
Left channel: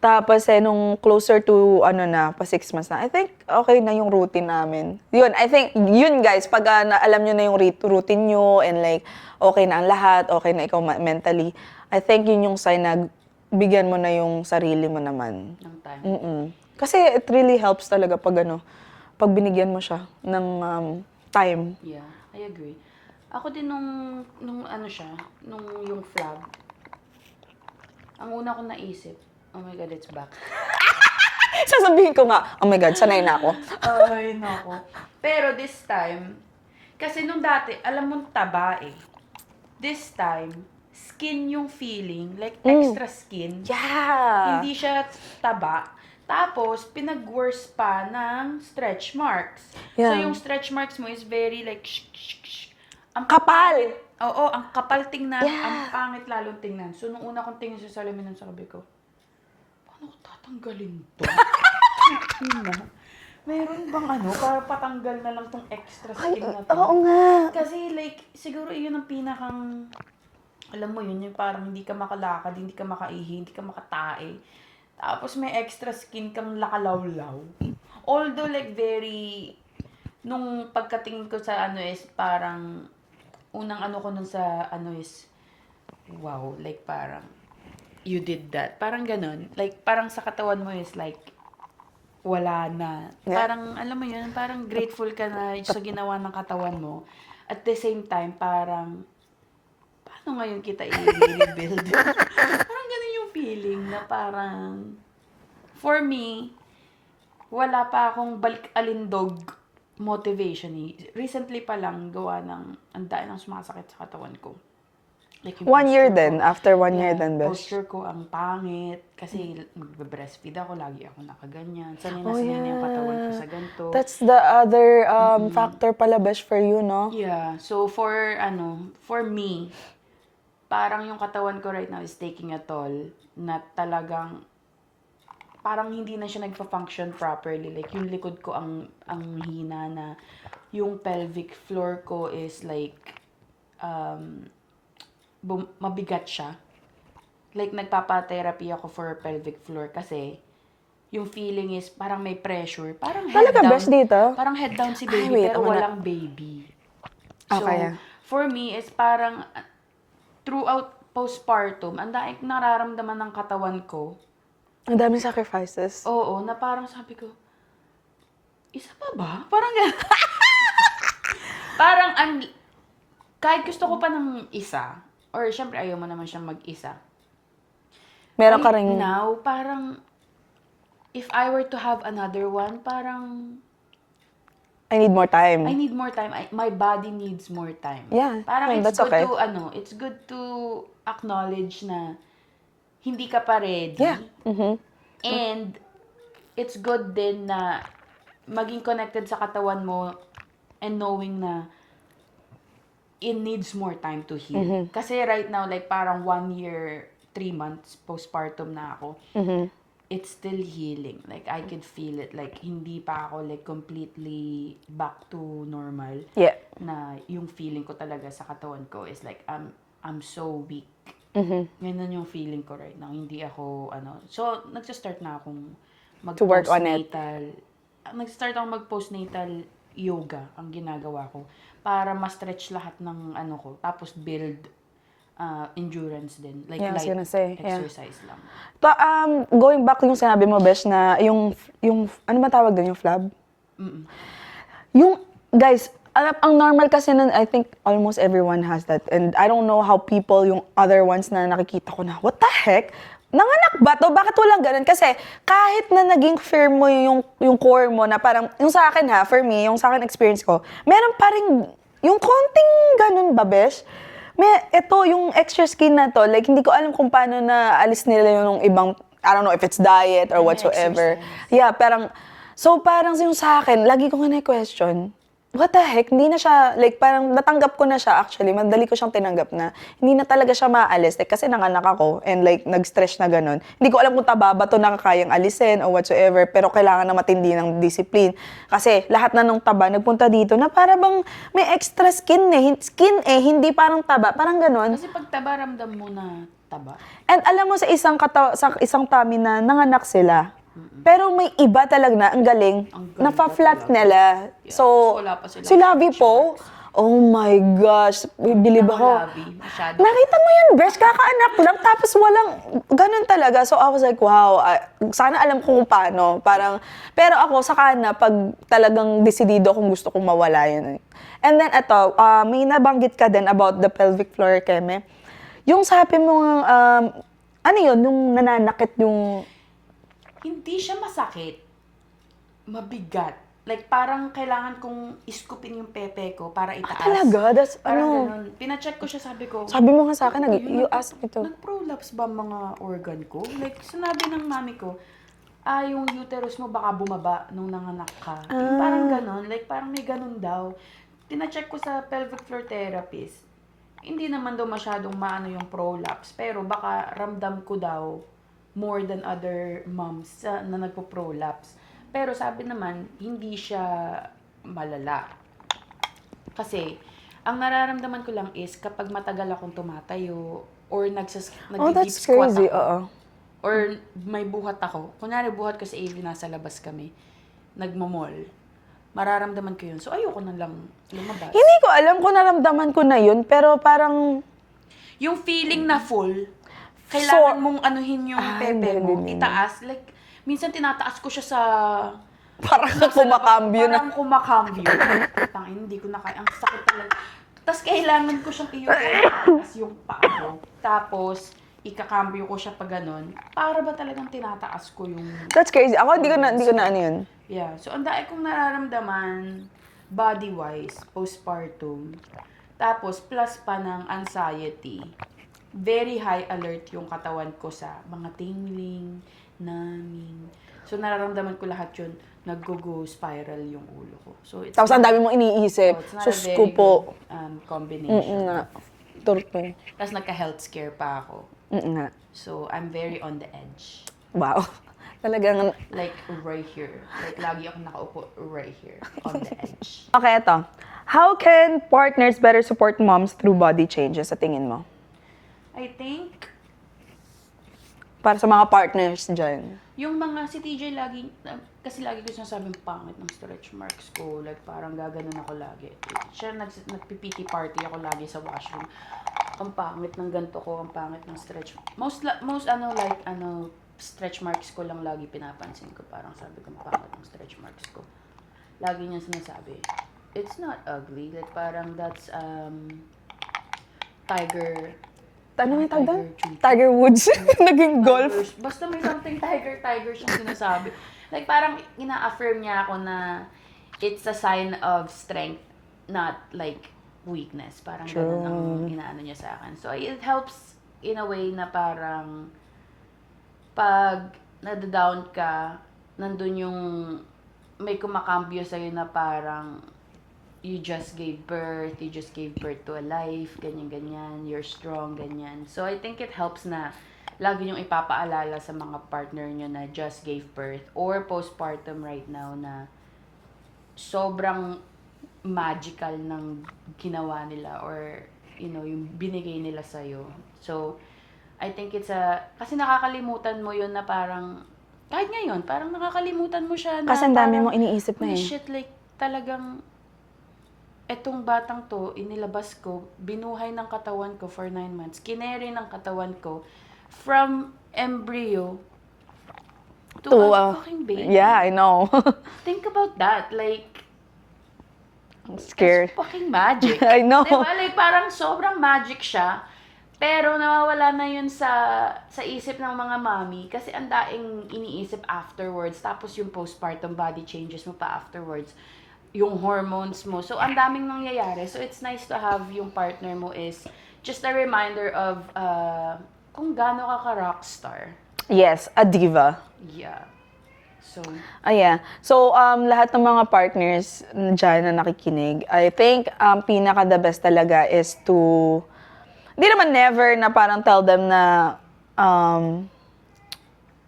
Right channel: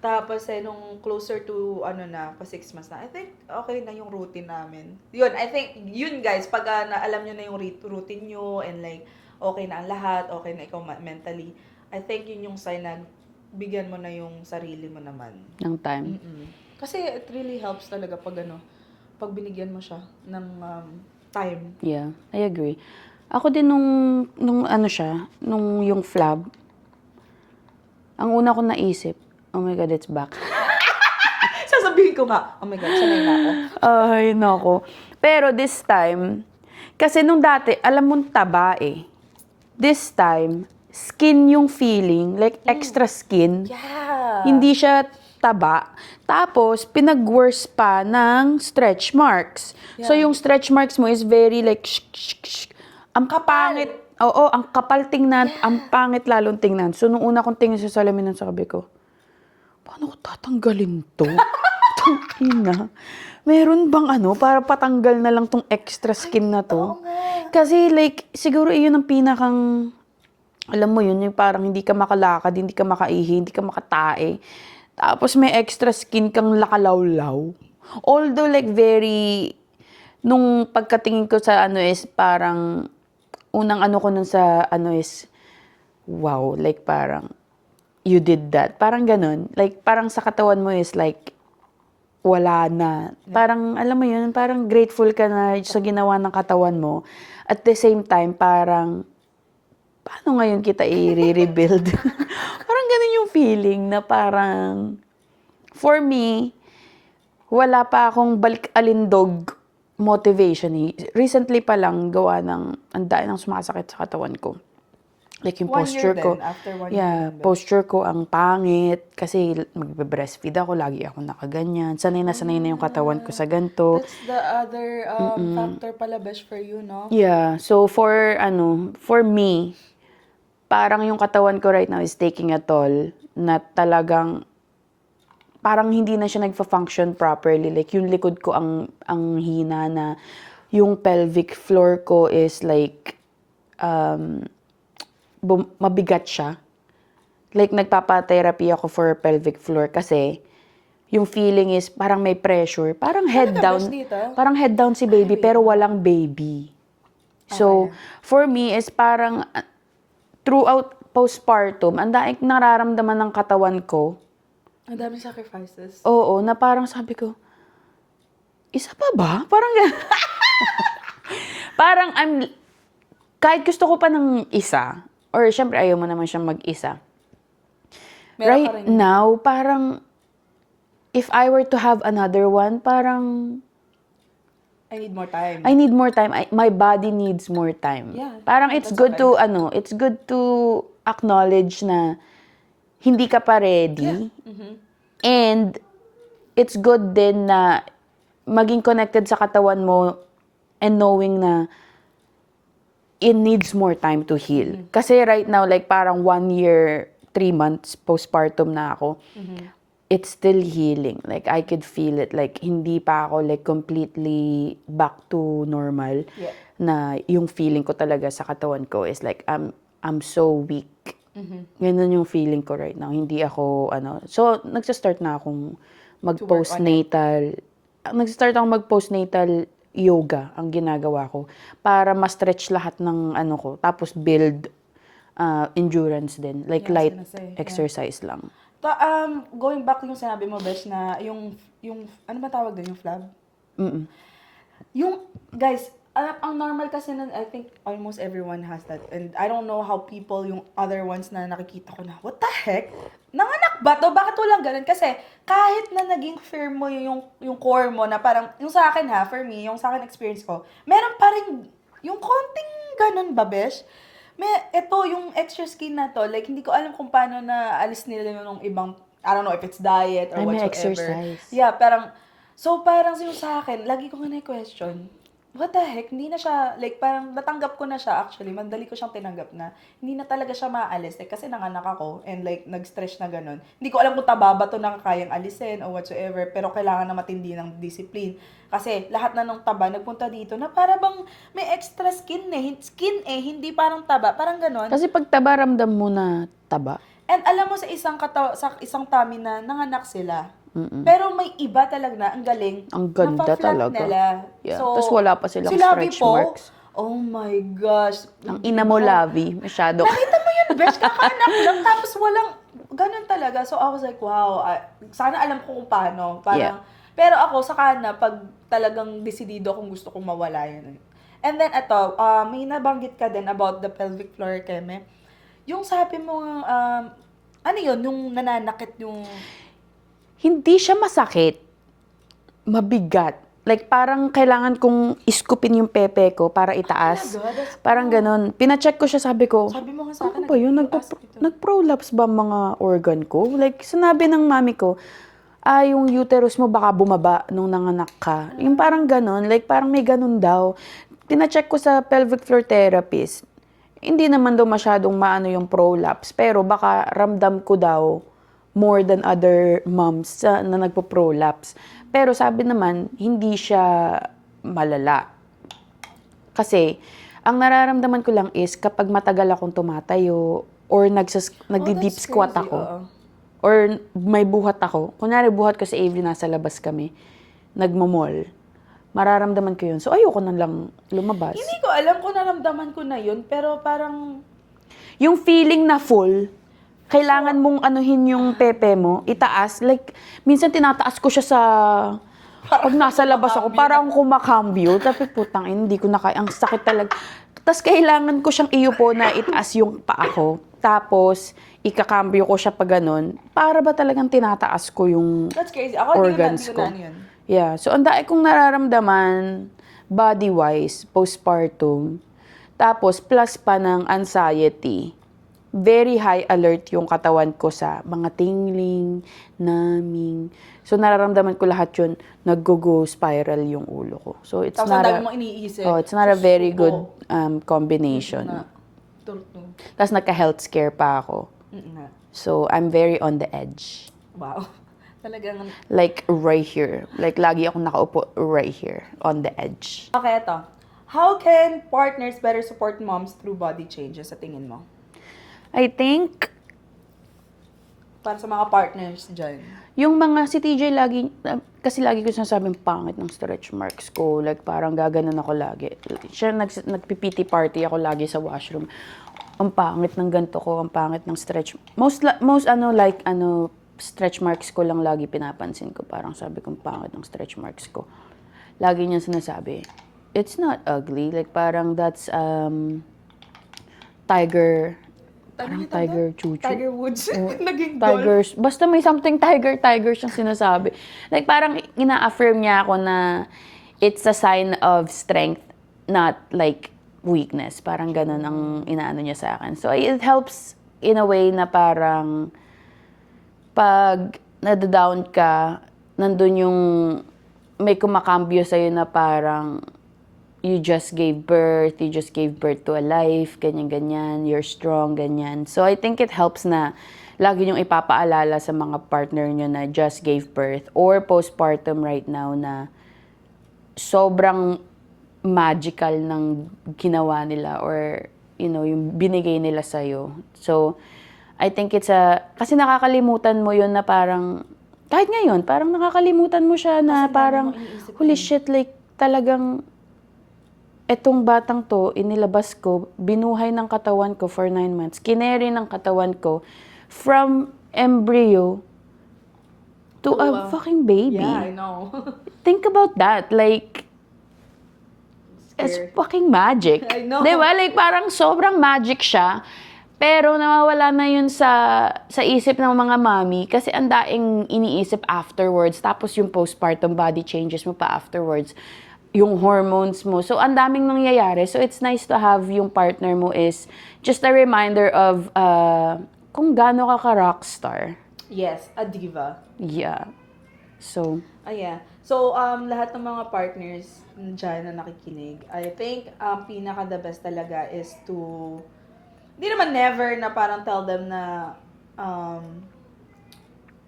Tapos, nung closer to, pa 6 months na, I think, okay na yung routine namin. Yun, I think, yun guys, pag alam nyo na yung routine nyo, and like, okay na ang lahat, okay na ikaw mentally, I think yun yung sign na bigyan mo na yung sarili mo naman. Ng time. Kasi it really helps talaga pag pag binigyan mo siya ng time. Yeah, I agree. Ako din nung nung yung flab, ang una ko naisip, oh my God, it's back. Sasabihin ko nga, oh my God, sanay na ako. Ay, nako. Pero this time, kasi nung dati, alam mong taba eh. This time, skin yung feeling, like extra skin. Yeah. Hindi siya taba. Tapos, pinag-worse pa ng stretch marks. So, Yeah. yung stretch marks mo is very like, ang Kapal. pangit. Oo, ang kapal tingnan, ang pangit lalong tingnan. So, nung una kong tingin sa salamin, sabi ko, paano ko tatanggalin to? Tangina. Meron bang para patanggal na lang tong extra skin na to? Oo nga. Kasi like, siguro iyon ang pinakang, alam mo yun, yung parang hindi ka makalakad, hindi ka makaihi, hindi ka makatae. Tapos may extra skin kang lakalawlaw. Although like very, nung pagkatingin ko sa is parang, unang ko nun sa is, wow, like parang, you did that. Parang ganun. Like parang sa katawan mo is like, wala na. Parang, alam mo yun, parang grateful ka na sa ginawa ng katawan mo. At the same time, parang, paano ngayon kita i-rebuild? Parang ganun yung feeling na parang, for me, wala pa akong balik-alindog motivation eh. Recently pa lang, gawa ng, ang dami ng sumasakit sa katawan ko. Like yung 1 year posture ko. din, after 1 year din, besh. Posture ko ang pangit kasi magbe-breastfeed ako, lagi ako nakaganyan. Sanay na yung katawan ko sa ganito. That's the other factor pala, besh, for you, no? Yeah. So for me, parang yung katawan ko right now is taking a toll na talagang parang hindi na siya nagfa-function properly. Like yung likod ko ang hina na, yung pelvic floor ko is like mabigat siya. Like, nagpapa-therapy ako for pelvic floor kasi yung feeling is parang may pressure. Parang head Talaga, down. besh, dito? Parang head down si baby, wait, pero ako na. walang baby. So, Okay. for me is parang throughout postpartum, ang daing nararamdaman ng katawan ko. Ang daming sacrifices. Oo, na parang sabi ko, isa pa ba? Parang parang kahit gusto ko pa ng isa, or syempre ayaw mo naman siyang mag-isa. Meron right ka rin... now, parang, if I were to have another one, parang, I need more time. I need more time. My body needs more time. Yeah. Parang Yeah, it's that's good okay. it's good to acknowledge na hindi ka pa ready. Yeah. Mm-hmm. And it's good din na maging connected sa katawan mo and knowing na it needs more time to heal. Mm-hmm. Kasi right now, like parang 1 year, 3 months postpartum na ako. Mm-hmm. It's still healing. Like, I could feel it. Like, hindi pa ako like completely back to normal. Yeah. Na yung feeling ko talaga sa katawan ko is like, I'm so weak. Ganun yung feeling ko right now. Hindi ako, So, nagsastart na akong work on it. mag-postnatal. Nagsastart akong mag-postnatal yoga ang ginagawa ko para ma-stretch lahat ng ko. Tapos build endurance din. Like Yeah, I was light gonna say, yeah. exercise lang. Going back yung sinabi mo, besh, na yung ano ba tawag din, yung flab? Yung, guys, ang normal kasi nun, I think almost everyone has that. And I don't know how people, yung other ones na nakikita ko na, what the heck? Nanganak ba to? Bakit walang ganun? Kasi kahit na naging firm mo yung core mo na parang, yung sa akin for me, yung sa akin experience ko, meron pa rin yung konting ganun ba, besh? Ito, yung extra skin na to, like, hindi ko alam kung paano na alis nila yung ibang, I don't know if it's diet or whatsoever. exercise. Yeah, parang yung sa akin, lagi ko nga na-question, what the heck, hindi na siya, like, parang natanggap ko na siya actually, madali ko siyang tinanggap na hindi na talaga siya maalis, like, kasi nanganak ako and like, nag-stress na ganun. Hindi ko alam kung taba ba to nakakayang alisin or whatsoever, pero kailangan na matindi ng discipline. Kasi lahat na nung taba, nagpunta dito na para bang may extra skin hindi parang taba, parang ganun. Kasi pag taba, ramdam mo na taba. And alam mo sa isang tummy na nanganak sila, pero may iba talaga na, ang galing, Ang ganda nafa-flat talaga. nila. Yeah. So, Tas wala pa silang si Labi stretch po, marks. oh my gosh. Hindi mo labi. Masyado. Nakita mo yun, Besh, kakaanak lang, tapos walang, ganun talaga. So I was like, wow, sana alam ko kung paano. Parang, pero ako, saka na, pag talagang desidido kung gusto kong mawala yun. And then, eto, may nabanggit ka din about the pelvic floor, Keme. Yung sabi mo, ano yun, yung nananakit yung... Hindi siya masakit. Mabigat. Like, parang kailangan kong iskupin yung pepe ko para itaas. Talaga? That's, Parang ganun. Pina-check ko siya, sabi ko, Sabi mo nga sa akin, ano ba yun? you asked me to. Nag-prolapse ba mga organ ko? Like, sinabi ng mami ko, yung uterus mo baka bumaba nung nanganak ka. Yung parang ganun. Like, parang may ganun daw. Tina-check ko sa pelvic floor therapist. Hindi naman daw masyadong maano yung prolapse. Pero baka ramdam ko daw more than other moms na nagpo-prolapse. Pero sabi naman, hindi siya malala. Kasi, ang nararamdaman ko lang is kapag matagal akong tumatayo or nagdi-deep that's squat crazy, ako. oo. Or may buhat ako. Kunyari buhat ko sa AV, nasa labas kami. Nagmamall. Mararamdaman ko yun. So, ayoko na lang lumabas. Hindi ko alam kung naramdaman ko na yun, pero parang... Yung feeling na full, kailangan mong anuhin yung pepe mo, itaas. Like, minsan tinataas ko siya sa... Parang nasa labas ako, parang kumakambyo. Sabi ko, tangin, hindi ko na kaya. Ang sakit talaga. Tapos kailangan ko siyang iyupo na itaas yung paa ko. Tapos, ikakambyo ko siya pa ganun. Para ba talagang tinataas ko yung That's crazy. Ako, hindi ko organs na ano yun. Yeah. So, ang dami kong nararamdaman. body-wise, postpartum, tapos plus pa ng anxiety, very high alert yung katawan ko sa mga tingling, numbing. So, nararamdaman ko lahat yun, nag-go spiral yung ulo ko. So, it's Tapos ang not dami mong iniisip. Oh, it's not a Sus very ko po. good combination. Nga. Turpe. Tapos nagka-health scare pa ako. Nga. So, I'm very on the edge. Wow. Talagang... Like, right here. Like, lagi ako nakaupo right here, on the edge. Okay, ito. How can partners better support moms through body changes sa tingin mo? I think, Para sa mga partners dyan. yung mga, si TJ lagi, kasi lagi ko sinasabing pangit ng stretch marks ko. Like, parang gaganon ako lagi. Siya, nagpipiti party ako lagi sa washroom. Ang pangit ng ganito ko, ang pangit ng stretch. Most stretch marks ko lang lagi pinapansin ko. Parang sabi ko, pangit ng stretch marks ko. Lagi niya sinasabi, it's not ugly. Like, parang that's, tiger, Ano nga tanda? Tiger Chuchu. Tiger Woods. Naging golf. Tigers. Basta may something tiger siyang sinasabi. Like, parang ina-affirm niya ako na it's a sign of strength, not like weakness. Parang ganun ang inaano niya sa akin. So, it helps in a way na parang pag nadadown ka, nandun yung may kumakambyo sa'yo na parang you just gave birth to a life, ganyan-ganyan, you're strong, ganyan. So, I think it helps na lagi niyong ipapaalala sa mga partner niyo na just gave birth or postpartum right now na sobrang magical ng ginawa nila or, you know, yung binigay nila sa'yo. So, I think kasi nakakalimutan mo yun na parang, kahit ngayon, parang nakakalimutan mo siya na Kasi ang dami parang, mong iniisip na holy yun. shit, like, talagang, etong batang to, inilabas ko, binuhay ng katawan ko for 9 months, kineri ng katawan ko, from embryo to a fucking baby. Yeah, I know. Think about that, like, I'm scared. it's fucking magic. I know. Diba? Like, parang sobrang magic siya. Pero nawawala na yun sa isip ng mga mami kasi ang daing iniisip afterwards. Tapos yung postpartum body changes mo pa afterwards. Yung hormones mo. So, ang daming nangyayari. So, it's nice to have yung partner mo is just a reminder of kung gaano ka rockstar. Yes, a diva. Yeah. So, Yeah. So, lahat ng mga partners dyan na nakikinig, I think pinaka the best talaga is to, hindi naman never na parang tell them na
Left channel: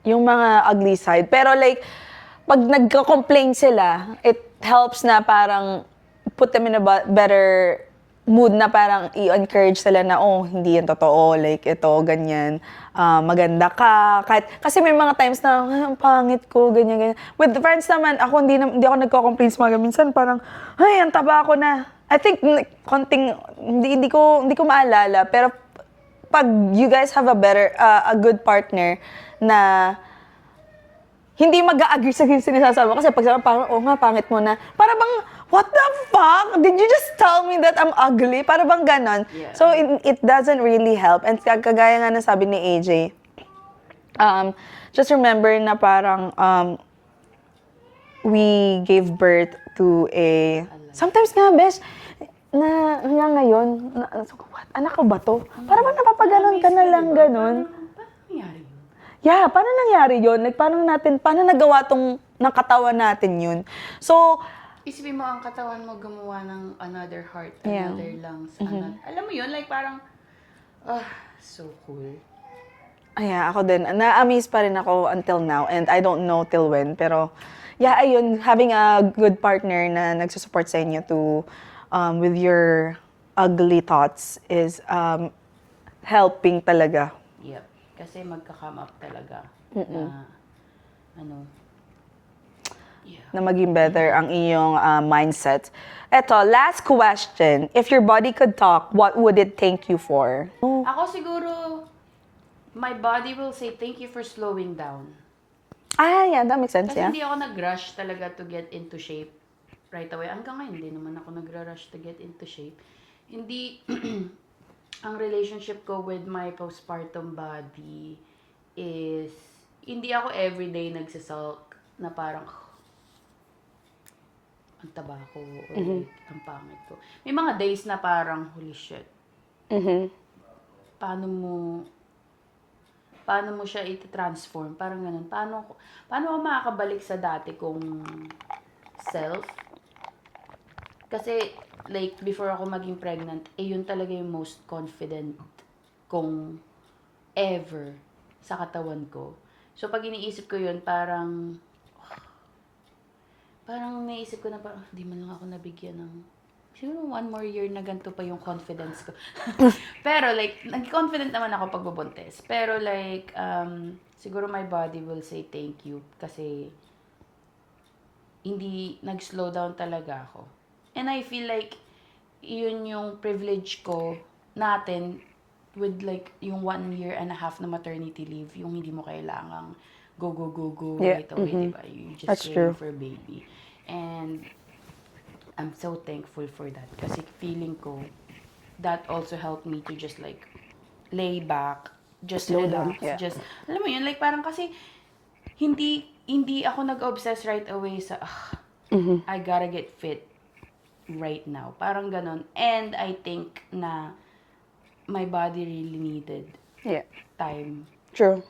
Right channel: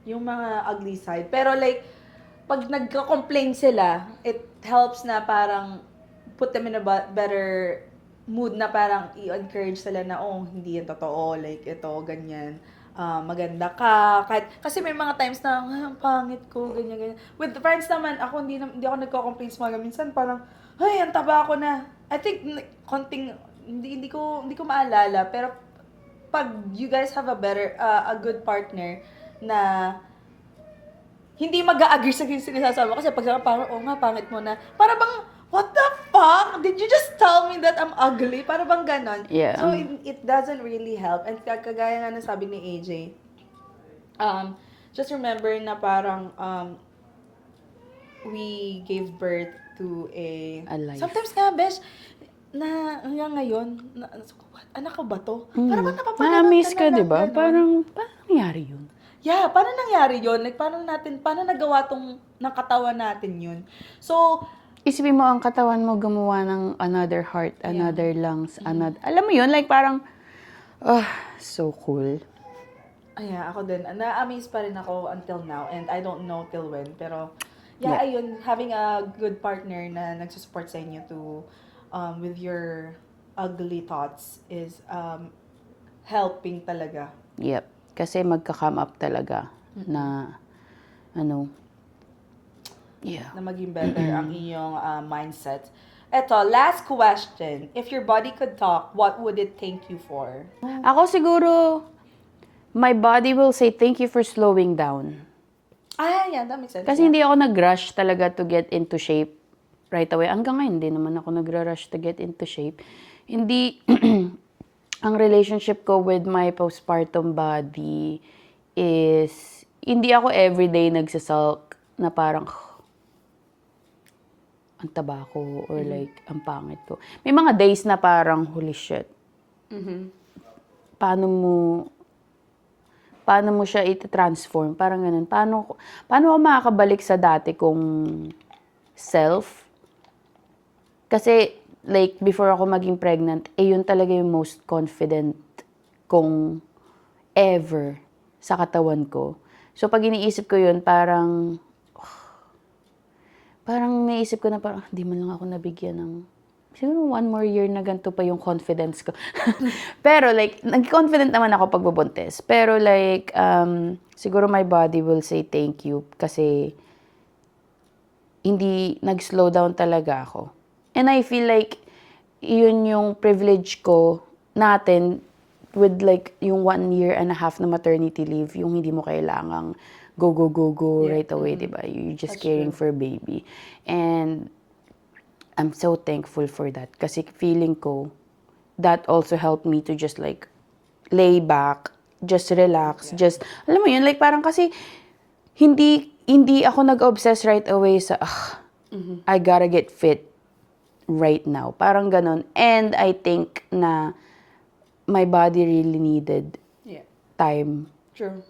yung mga ugly side. Pero like, pag nagka-complain sila, it helps na parang put them in a better mood na parang i-encourage sila na, oh, hindi yan totoo, like ito, ganyan, maganda ka. Kasi may mga times na, ang pangit ko, ganyan, ganyan. With friends naman, ako hindi ako nagko-complain sa mga minsan, parang, ay, ang taba ako na. I think, konting, hindi ko maalala, pero pag you guys have a good partner na hindi mag-a-agree sa sinasabi mo. Kasi pag sabi, parang, oh nga, pangit mo na. Para bang, what the fuck? Did you just tell me that I'm ugly? Para bang ganon? Yeah. So, it doesn't really help. And kagaya nga ng sabi ni AJ, just remember na parang, we gave birth to a life. sometimes nga, besh, na ngayon, what? Anak ko ba to? Parang bang napapalaman na-miss ka na ka, lang diba? ganon. Parang nangyari yun. Yeah, paano nangyari yun? Like, paano nagawa tong ng katawan natin yun? So, Isipin mo, ang katawan mo gumawa ng another heart, Yeah. another lungs, another... Alam mo yun, like parang, so cool. ako din. Na-amaze pa rin ako until now. And I don't know till when. Pero, ayun, having a good partner na nagsusupport sa inyo to, with your ugly thoughts is helping talaga. Yep. Kasi magka-come up talaga na, Na maging better ang iyong mindset. Eto, last question. If your body could talk, what would it thank you for? Ako siguro, my body will say, thank you for slowing down. Yeah, that makes sense. Kasi hindi ako nag-rush talaga to get into shape right away. Hanggang ngayon, hindi naman ako nag-rush to get into shape. Hindi, ang relationship ko with my postpartum body is, hindi ako everyday nagsasalk na parang, ang taba ko or like, ang pangit ko. May mga days na parang, holy shit. Paano mo siya i-transform? Parang ganun. Paano ako makakabalik sa dati kong self? Kasi, like, before ako maging pregnant, yun talaga yung most confident kong ever sa katawan ko. So, pag iniisip ko yun, parang naisip ko na parang, di man lang ako nabigyan ng, siguro 1 more year na ganito pa yung confidence ko. Pero like, nag-confident naman ako pag bubuntis. Pero like, siguro my body will say thank you kasi hindi nag-slow down talaga ako. And I feel like, yun yung privilege ko natin with like yung 1.5 years na maternity leave, yung hindi mo kailangang go right away, diba? You're just That's caring true. for baby. And I'm so thankful for that. Kasi feeling ko, that also helped me to just like, lay back, just relax, yeah. just, alam mo yun, like parang kasi, hindi ako nag-obsess right away sa, I gotta get fit right now. Parang ganon. And I think na my body really needed Yeah. time True.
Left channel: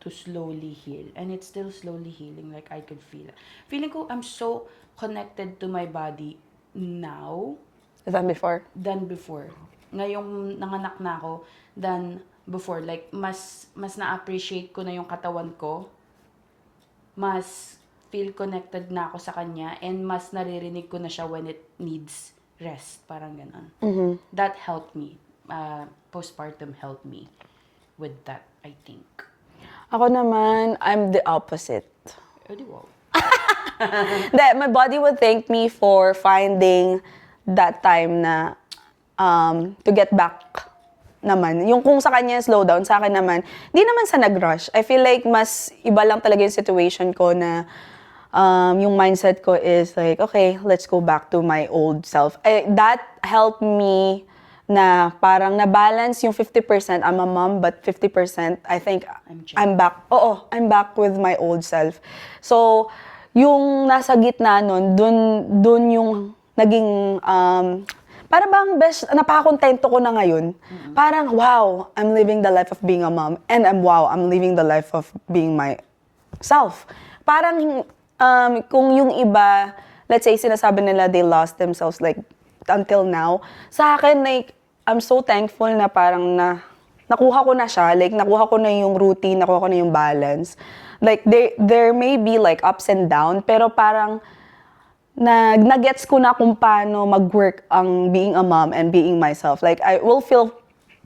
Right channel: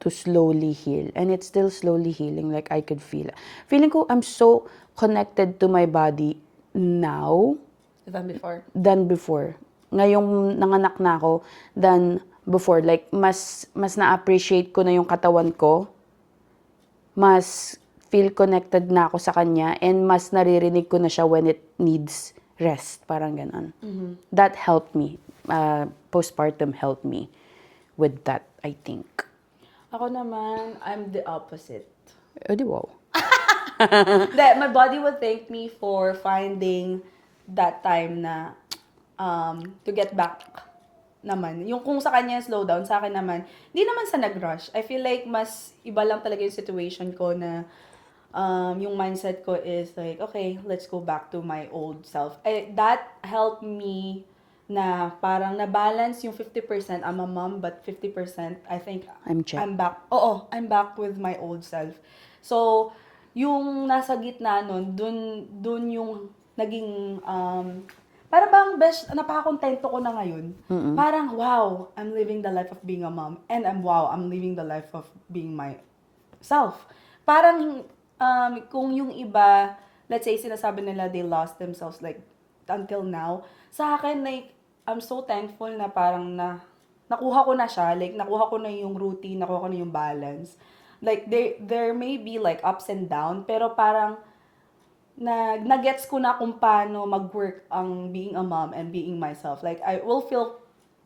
to slowly heal. And it's still slowly healing. Like, I could feel it. Feeling ko, I'm so connected to my body now Than before. than before. Ngayong nanganak na ako than before. Like, mas na-appreciate ko na yung katawan ko. Mas feel connected na ako sa kanya. And mas naririnig ko na siya when it needs rest. Parang ganon. That helped me. Postpartum helped me with that, I think. Ako naman, I'm the opposite. Di wow. That my body would thank me for finding that time na to get back naman. Yung kung sa kanya slow down, sa akin naman, di naman sa nag-rush. I feel like mas iba lang talaga yung situation ko na yung mindset ko is like, okay, let's go back to my old self. That helped me na parang na-balance yung 50%, I'm a mom, but 50%, I think, I'm back. Oo, I'm back with my old self. So, yung nasa gitna nun, dun yung naging, para bang best, napakakontento ko na ngayon. Parang, wow, I'm living the life of being a mom. And I'm living the life of being myself. Parang, kung yung iba, let's say, sinasabi nila they lost themselves like until now, sa akin, like, I'm so thankful na parang nakuha ko na siya, like, nakuha ko na yung routine, nakuha ko na yung balance. Like, there may be like ups and down, pero parang nag-gets ko na kung paano mag-work ang being a mom and being myself. Like, I will feel,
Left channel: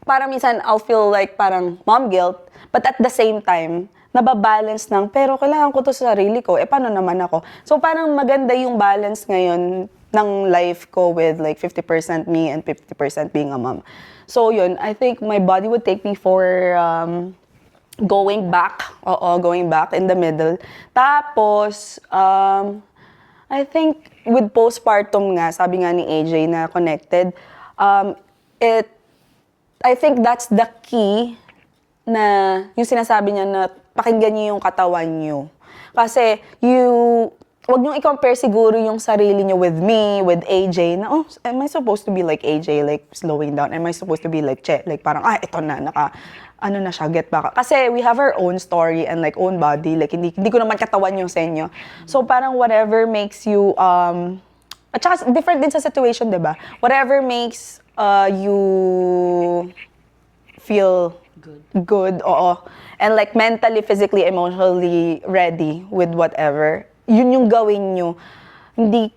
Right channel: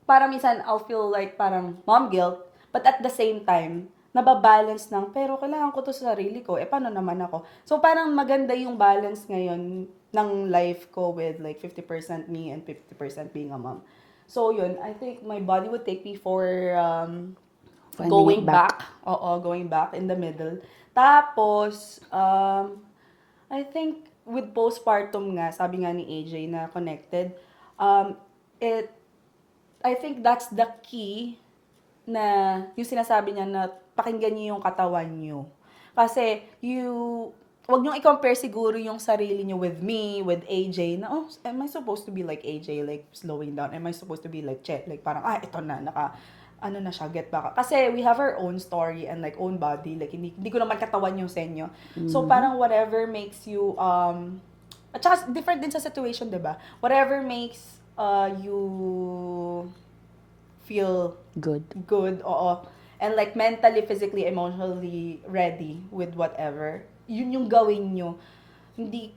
parang minsan I'll feel like parang mom guilt, but at the same time, nababalance ng, pero kailangan ko to sa sarili ko, paano naman ako? So, parang maganda yung balance ngayon ng life ko with like 50% me and 50% being a mom. So, yun, I think my body would take me for going back. Oo, going back in the middle. Tapos, I think with postpartum nga, sabi nga ni AJ na connected, I think that's the key na yung sinasabi niya na pakinggan niyo yung katawan niyo. Kasi wag niyo i-compare siguro yung sarili niyo with me, with AJ, na, oh, am I supposed to be like AJ, like slowing down? Am I supposed to be like Che? Like parang, ito na, ano na siya, get back. Kasi we have our own story and like own body. Like, hindi ko naman katawan yung sa inyo. So parang whatever makes you, at saka different din sa situation, di ba? Whatever makes you feel good, oo. And like mentally, physically, emotionally ready with whatever, yun yung gawin nyo. Hindi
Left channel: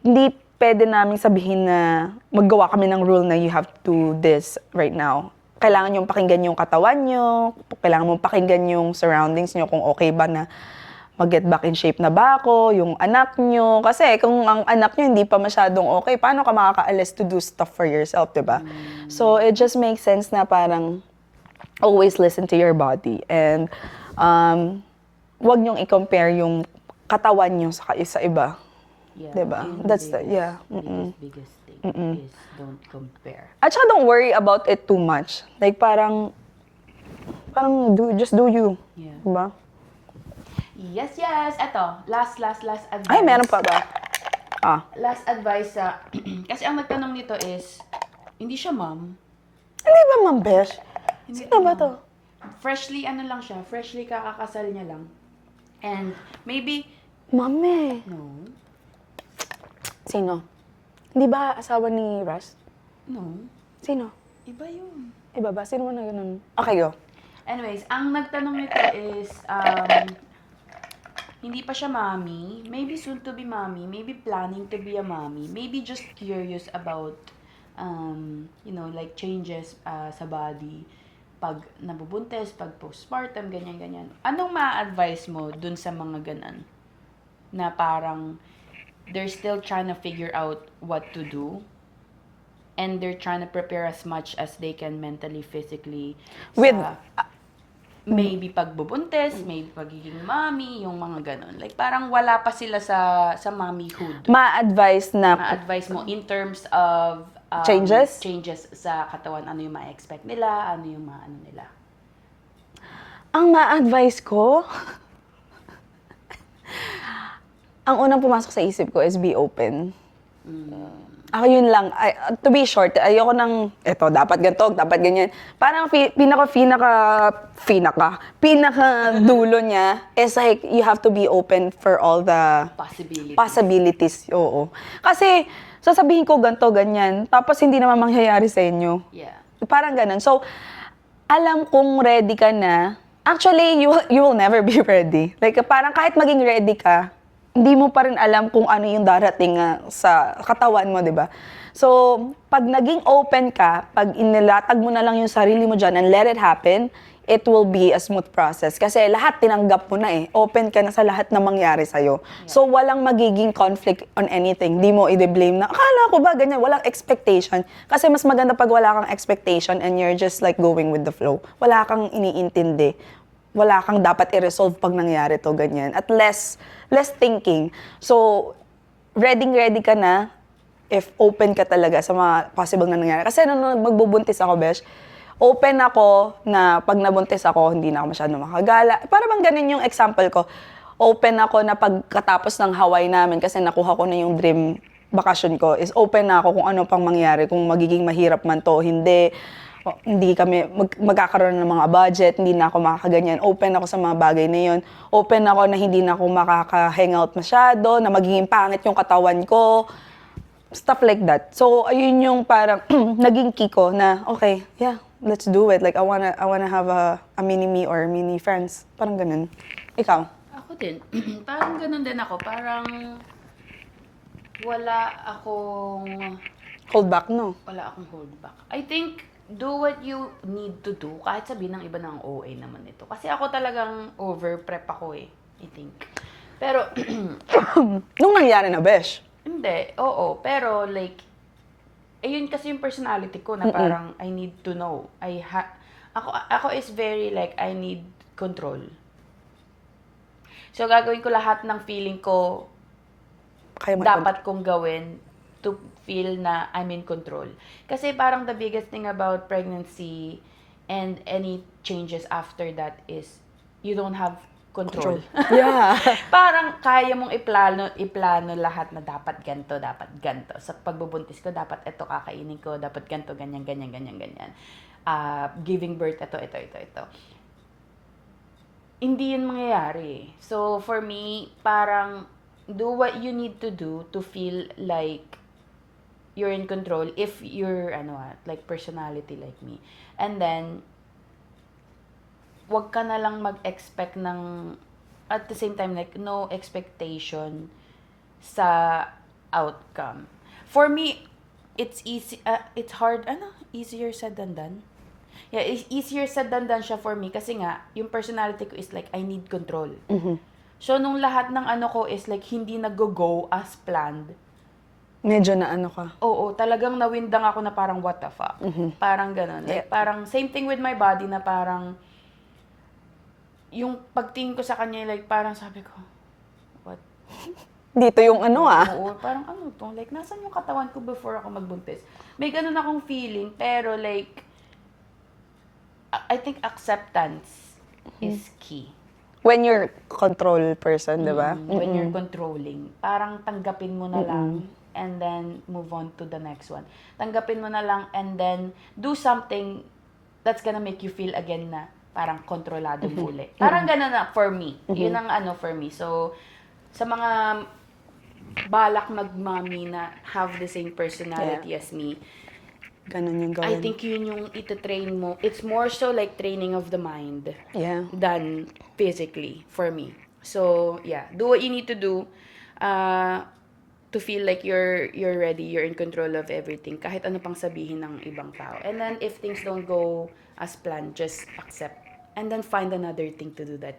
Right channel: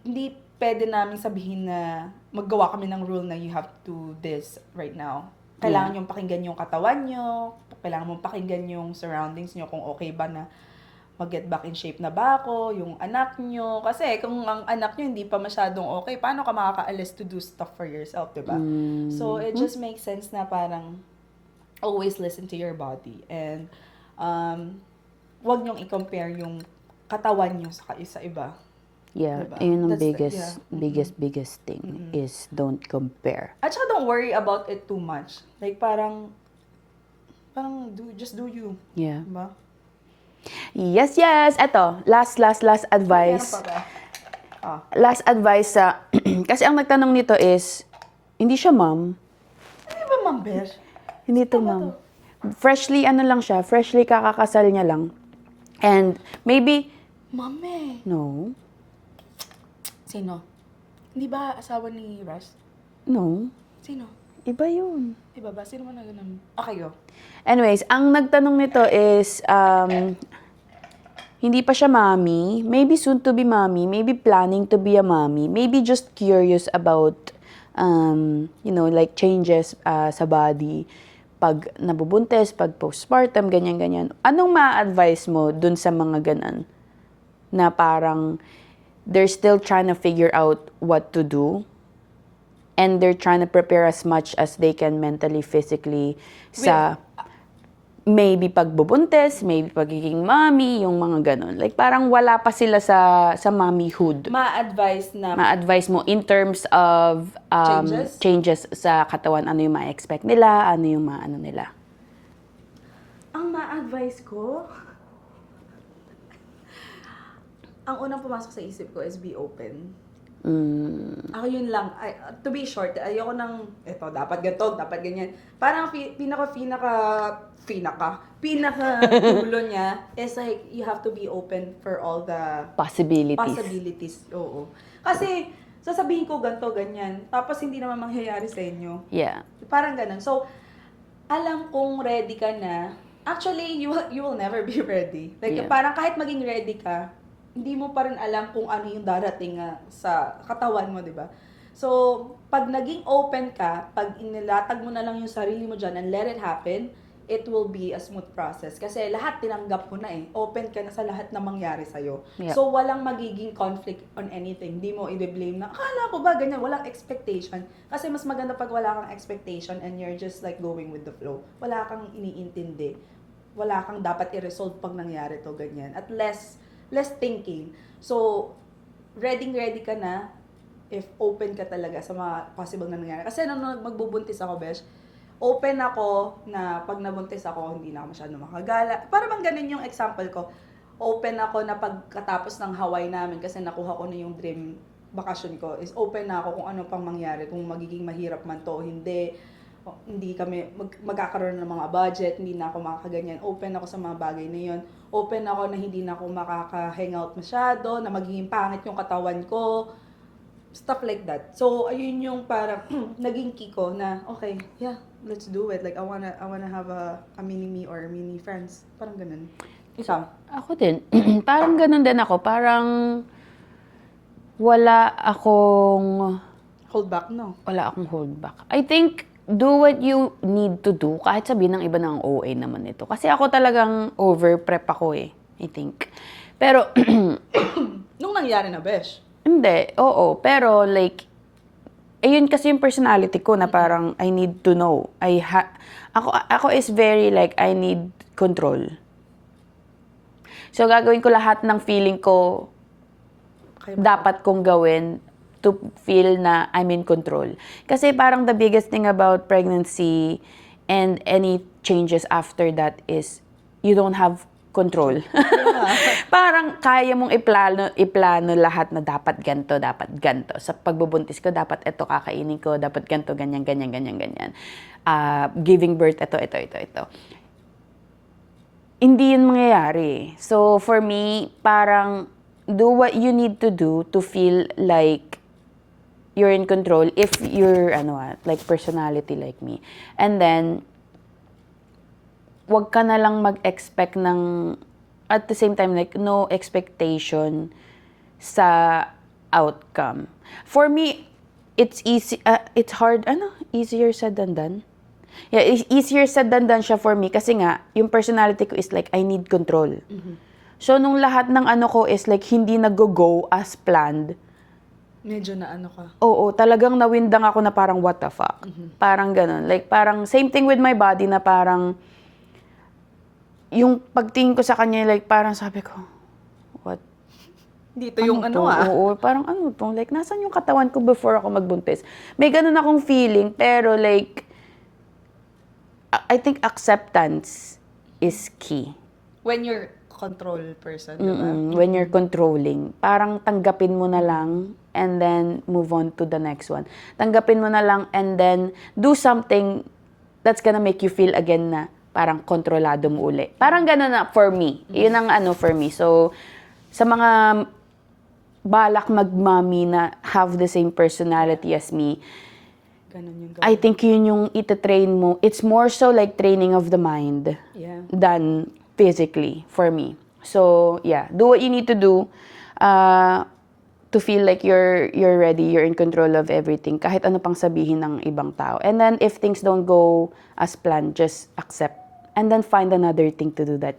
pwede namin sabihin na maggawa kami ng rule na you have to do this right now. Kailangan yung pakinggan yung katawan nyo, kailangan mong pakinggan yung surroundings nyo kung okay ba na mag-get back in shape na ba ako, yung anak nyo. Kasi kung ang anak nyo hindi pa masyadong okay, paano ka makakaalis to do stuff for yourself, diba? So it just makes sense na parang always listen to your body. And wag nyong i-compare yung katawan nyo sa iba. Yeah, Diba? yun ang That's biggest thing is don't compare. At saka don't worry about it too much. Like parang just do you. Yeah. Diba? Yes. Eto, last advice. Ay, meron pa ba? Last advice sa... kasi ang nagtanong nito is, hindi siya ma'am. Hindi ba, Ma'am Besh? Hindi Sino ba ma'am. to? Freshly, ano lang siya, freshly kakakasal niya lang. And maybe, Mami. no, Sino? Hindi ba asawa ni Ras? no, Sino? iba yun. Iba ba? Sino mo na ganun? Okay, go. Anyways, ang nagtanong nito is, hindi pa siya mommy, maybe soon to be mommy, maybe planning to be a mommy, maybe just curious about, like changes sa body, pag nabubuntis, pag postpartum, ganyan-ganyan. Anong ma-advise mo dun sa mga ganan? Na parang, they're still trying to figure out what to do, and they're trying to prepare as much as they can mentally, physically, sa maybe pagbubuntis, maybe pagiging mommy, yung mga ganon. Like parang wala pa sila sa mommyhood. Ma-advise na Ma-advise mo in terms of changes sa katawan, ano yung ma-expect nila, ano yung ma-ano nila. ang ma-advise ko, ang unang pumasok sa isip ko is be open. Ako yun lang. To be short, ayoko nang, eto, dapat ganito, dapat ganyan. Parang pinaka dulo niya is like, you have to be open for all the possibilities. Oo. Kasi, sasabihin ko ganito, ganyan, tapos hindi naman mangyayari sa inyo. Yeah. Parang ganun. So, alam kong ready ka na. Actually, you will never be ready. Like, parang kahit maging ready ka, hindi mo pa rin alam kung ano yung darating sa katawan mo, di ba? So, pag naging open ka, pag inilatag mo na lang yung sarili mo dyan and let it happen, it will be a smooth process. Kasi lahat tinanggap mo na eh. Open ka na sa lahat na mangyari sa'yo. Yeah. So, walang magiging conflict on anything. Di mo i-blame na, akala ko ba ganyan? Walang expectation. Kasi mas maganda pag wala kang expectation and you're just like going with the flow. Wala kang iniintindi. Wala kang dapat i-resolve pag nangyari to, ganyan. At less thinking. So, ready ka na if open ka talaga sa mga possible na nangyari. Kasi nung magbubuntis ako, Besh, open ako na pag nabuntis ako, hindi na ako masyado makagala. Para bang ganun yung example ko. Open ako na pagkatapos ng Hawaii namin, kasi nakuha ko na yung dream vacation ko, is open na ako kung ano pang mangyari, kung magiging mahirap man to, hindi kami magkakaroon ng mga budget, hindi na ako makakaganyan. Open ako sa mga bagay na yun. Open ako na hindi na ako makaka-hangout masyado, na magiging pangit yung katawan ko. Stuff like that. So, ayun yung parang naging key ko na, okay, yeah, let's do it. Like, I wanna have a mini-me or mini-friends. Parang ganun. Ikaw? Ako din. Parang ganun din ako. Parang wala akong Hold back, no? Wala akong hold back. I think, do what you need to do. Kahit sabihin ng iba ng OA naman ito. Kasi ako talagang over-prep ako eh. I think. Pero, Nung nangyari na, Besh? hindi. Oo. Pero like, ayun kasi yung personality ko na parang I need to know. Ako is very like, I need control. So, gagawin ko lahat ng feeling ko dapat kong gawin to feel na I'm in control. Kasi parang the biggest thing about pregnancy and any changes after that is you don't have control. Yeah. Parang kaya mong iplano lahat na dapat ganto. Sa pagbubuntis ko, dapat ito kakainin ko, dapat ganto, ganyan. Giving birth, ito. Hindi yun mangyayari. So, for me, parang do what you need to do to feel like you're in control if you're, like personality like me. And then, wag ka na lang mag-expect ng, at the same time, like, no expectation sa outcome. For me, it's easy, it's hard, easier said than done. Yeah, it's easier said than done siya for me kasi nga, yung personality ko is like, I need control. So, nung lahat ng ko is like, hindi nag-go as planned, medyo na ka. Oo, talagang nawindang ako na parang what the fuck. Parang ganun. Like parang same thing with my body na parang yung pagtingin ko sa kanya, like parang sabi ko, what? Dito yung Oo, parang to? Like nasan yung katawan ko before ako magbuntis? May ganun akong feeling, pero like, I think acceptance is key. when you're control person, di ba? When you're controlling, parang tanggapin mo na lang and then move on to the next one. Tanggapin mo na lang and then do something that's gonna make you feel again na parang kontrolado mo uli. Parang gano'n na for me. Yun ang ano for me. So, sa mga balak mag-mommy na have the same personality as me, Ganon yung I gawin. think yun yung itatrain mo. It's more so like training of the mind Yeah. than physically for me. So, yeah, do what you need to do to feel like you're ready, you're in control of everything, kahit ano pang sabihin ng ibang tao. And then, if things don't go as planned, just accept. And then, find another thing to do that.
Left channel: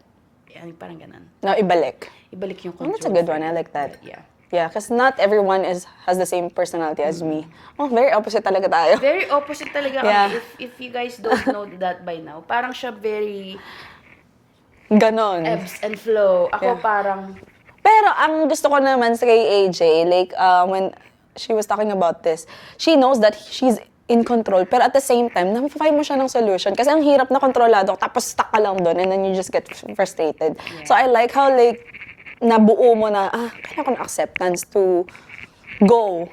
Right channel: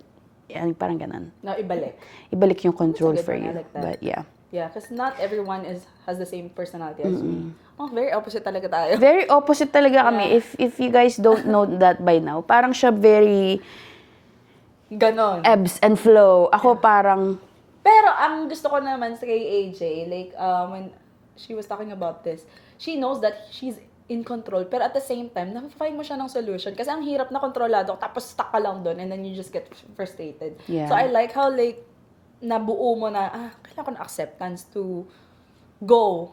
Yan, parang ganun. No, ibalik. Ibalik yung That's a control good for one. I you. like that. But, yeah. Yeah, because not everyone has the same personality as me. Oh, very opposite talaga tayo. Very opposite talaga kami. Yeah. If you guys don't know that by now, parang siya very Ganon. ebbs and flow. Ako parang, Pero ang gusto ko naman sa kay AJ, like when she was talking about this, she knows that she's in control, pero at the same time, nafifind mo siya ng solution. Kasi ang hirap na kontrolado, tapos stuck ka lang doon, and then you just get frustrated. Yeah. So I like how like, nabuo mo na, kailangan ko ng acceptance to go,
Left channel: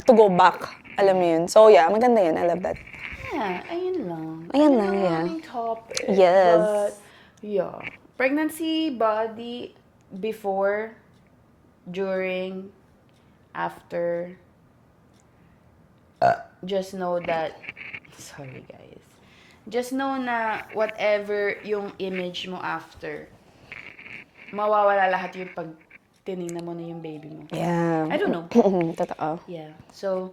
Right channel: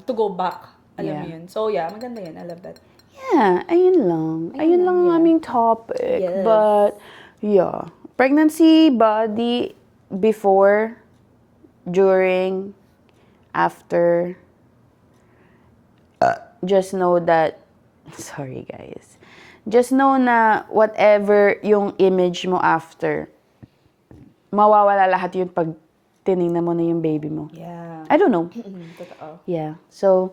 to go back. Alam mo yun. So yeah, maganda yun. I love that. yeah, ayun lang. Ayun lang, ang yeah. aming topic. Yes. But, yeah. Pregnancy, body, before, during, after, just know that, sorry guys, just know na whatever yung image mo after, mawawala lahat yun pag tinignan mo na yung baby mo. Yeah. I don't know. Totoo. Yeah. So,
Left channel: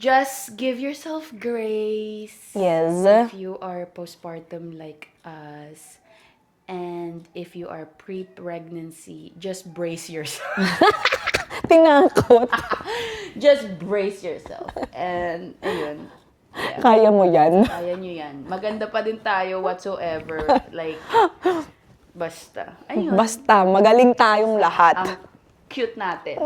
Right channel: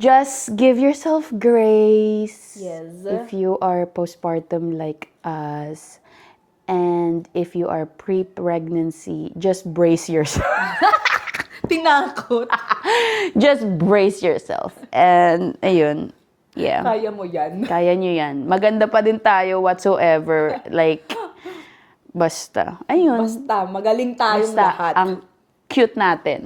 just give yourself grace. Yes. If you are postpartum like us, and if you are pre-pregnancy, just brace yourself. Tinangkot. Just brace yourself. And, ayun. Yeah. Kaya mo yan. Kaya nyo yan. Maganda pa din tayo whatsoever. Like, basta. Ayun. Basta, magaling tayong Basta, lahat. ang cute natin.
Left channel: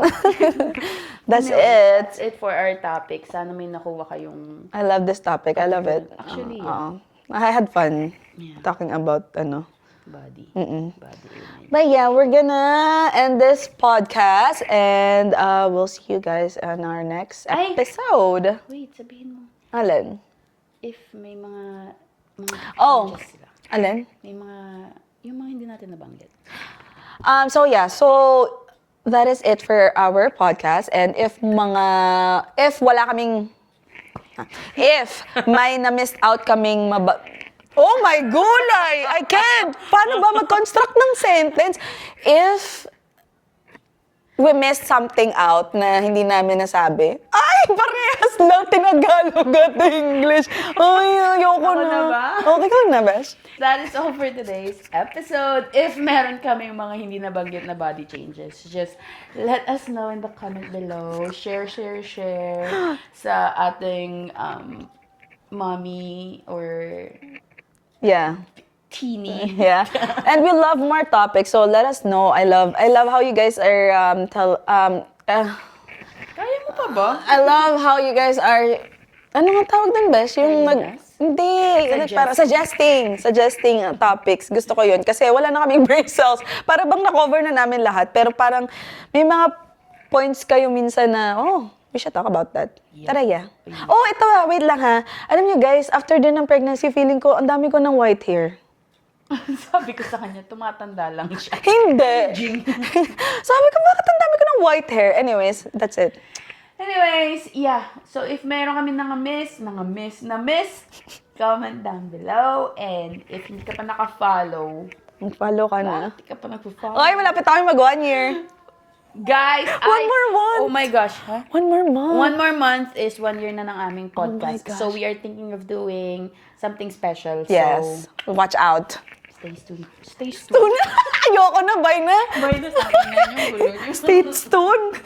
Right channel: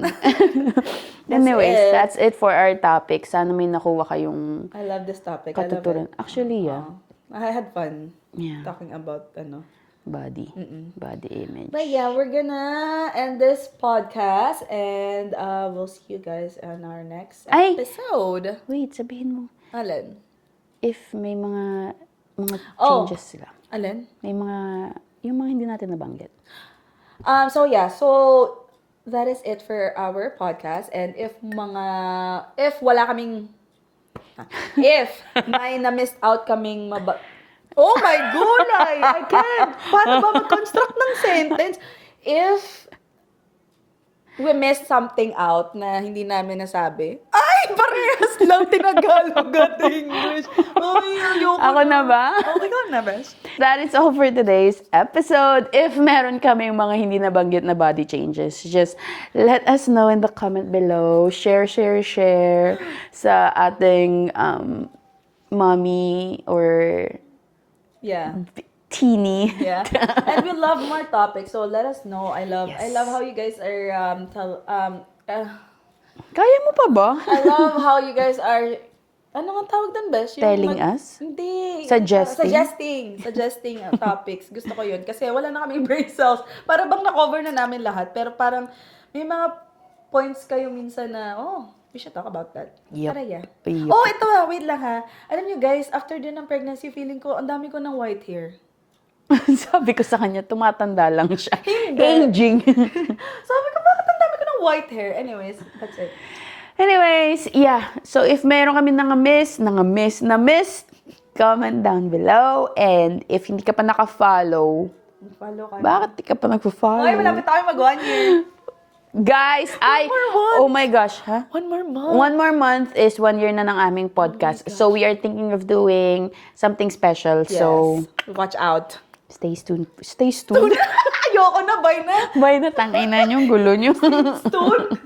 That's Anyways, it. that's it for our topic. Sana may nakuha kayong I love this topic. I love it. Actually, yeah. I had fun Yeah. talking about body. Body image. But yeah, we're gonna end this podcast and we'll see you guys on our next Ay! episode. Wait, sabihin mo. Alin? If may mga Oh. changes sila. Alin? May yung mga hindi natin nabanggit. So yeah, so that is it for our podcast. And if may na-missed out kaming oh my gulay! I can't! Paano ba mag-construct ng sentence? If we missed something out na hindi namin nasabi, ay, parehas lang tinagalog at English. Ay, ayoko Ako na ba? Okay ka na, Besh? That is all for today's episode. If meron kami mga hindi nabanggit na body changes, just let us know in the comment below. Share sa ating mommy or Yeah. teeny. Yeah. And we love more topics, so let us know. I love how you guys are Kaya mo pa ba? I love how you guys are ano nga tawag dun, Besh? Telling us? Hindi. Suggesting? Suggesting topics. Gusto ko yun. Kasi wala na kaming brain cells. Para bang na-cover na namin lahat. Pero parang may mga points kayo minsan na, we should talk about that. Yep. Tara, yeah. Yep. Oh, ito wait lang ha. Alam niyo guys, after din ng pregnancy, feeling ko, ang dami ko ng white hair. Sabi ko sa kanya, tumatanda lang siya. Hindi. Aging. Sabi ko, bakit ang dami ko ng white hair? Anyways, that's it. Anyways, yeah. So if meron kami miss, comment down below. And if hindi ka pa naka-follow, Follow ka na. bakit di ka pa nag-follow? Okay, malapit tayo mag 1 year. Guys, more month. Oh my gosh, ha? 1 more month. 1 more month is 1 year na ng aming podcast. So we are thinking of doing something special. Yes. So Watch out. stay tuned. Stay tuned. Ayoko na, bye na. Bye na, tangina yung gulo nyo. Stay tuned.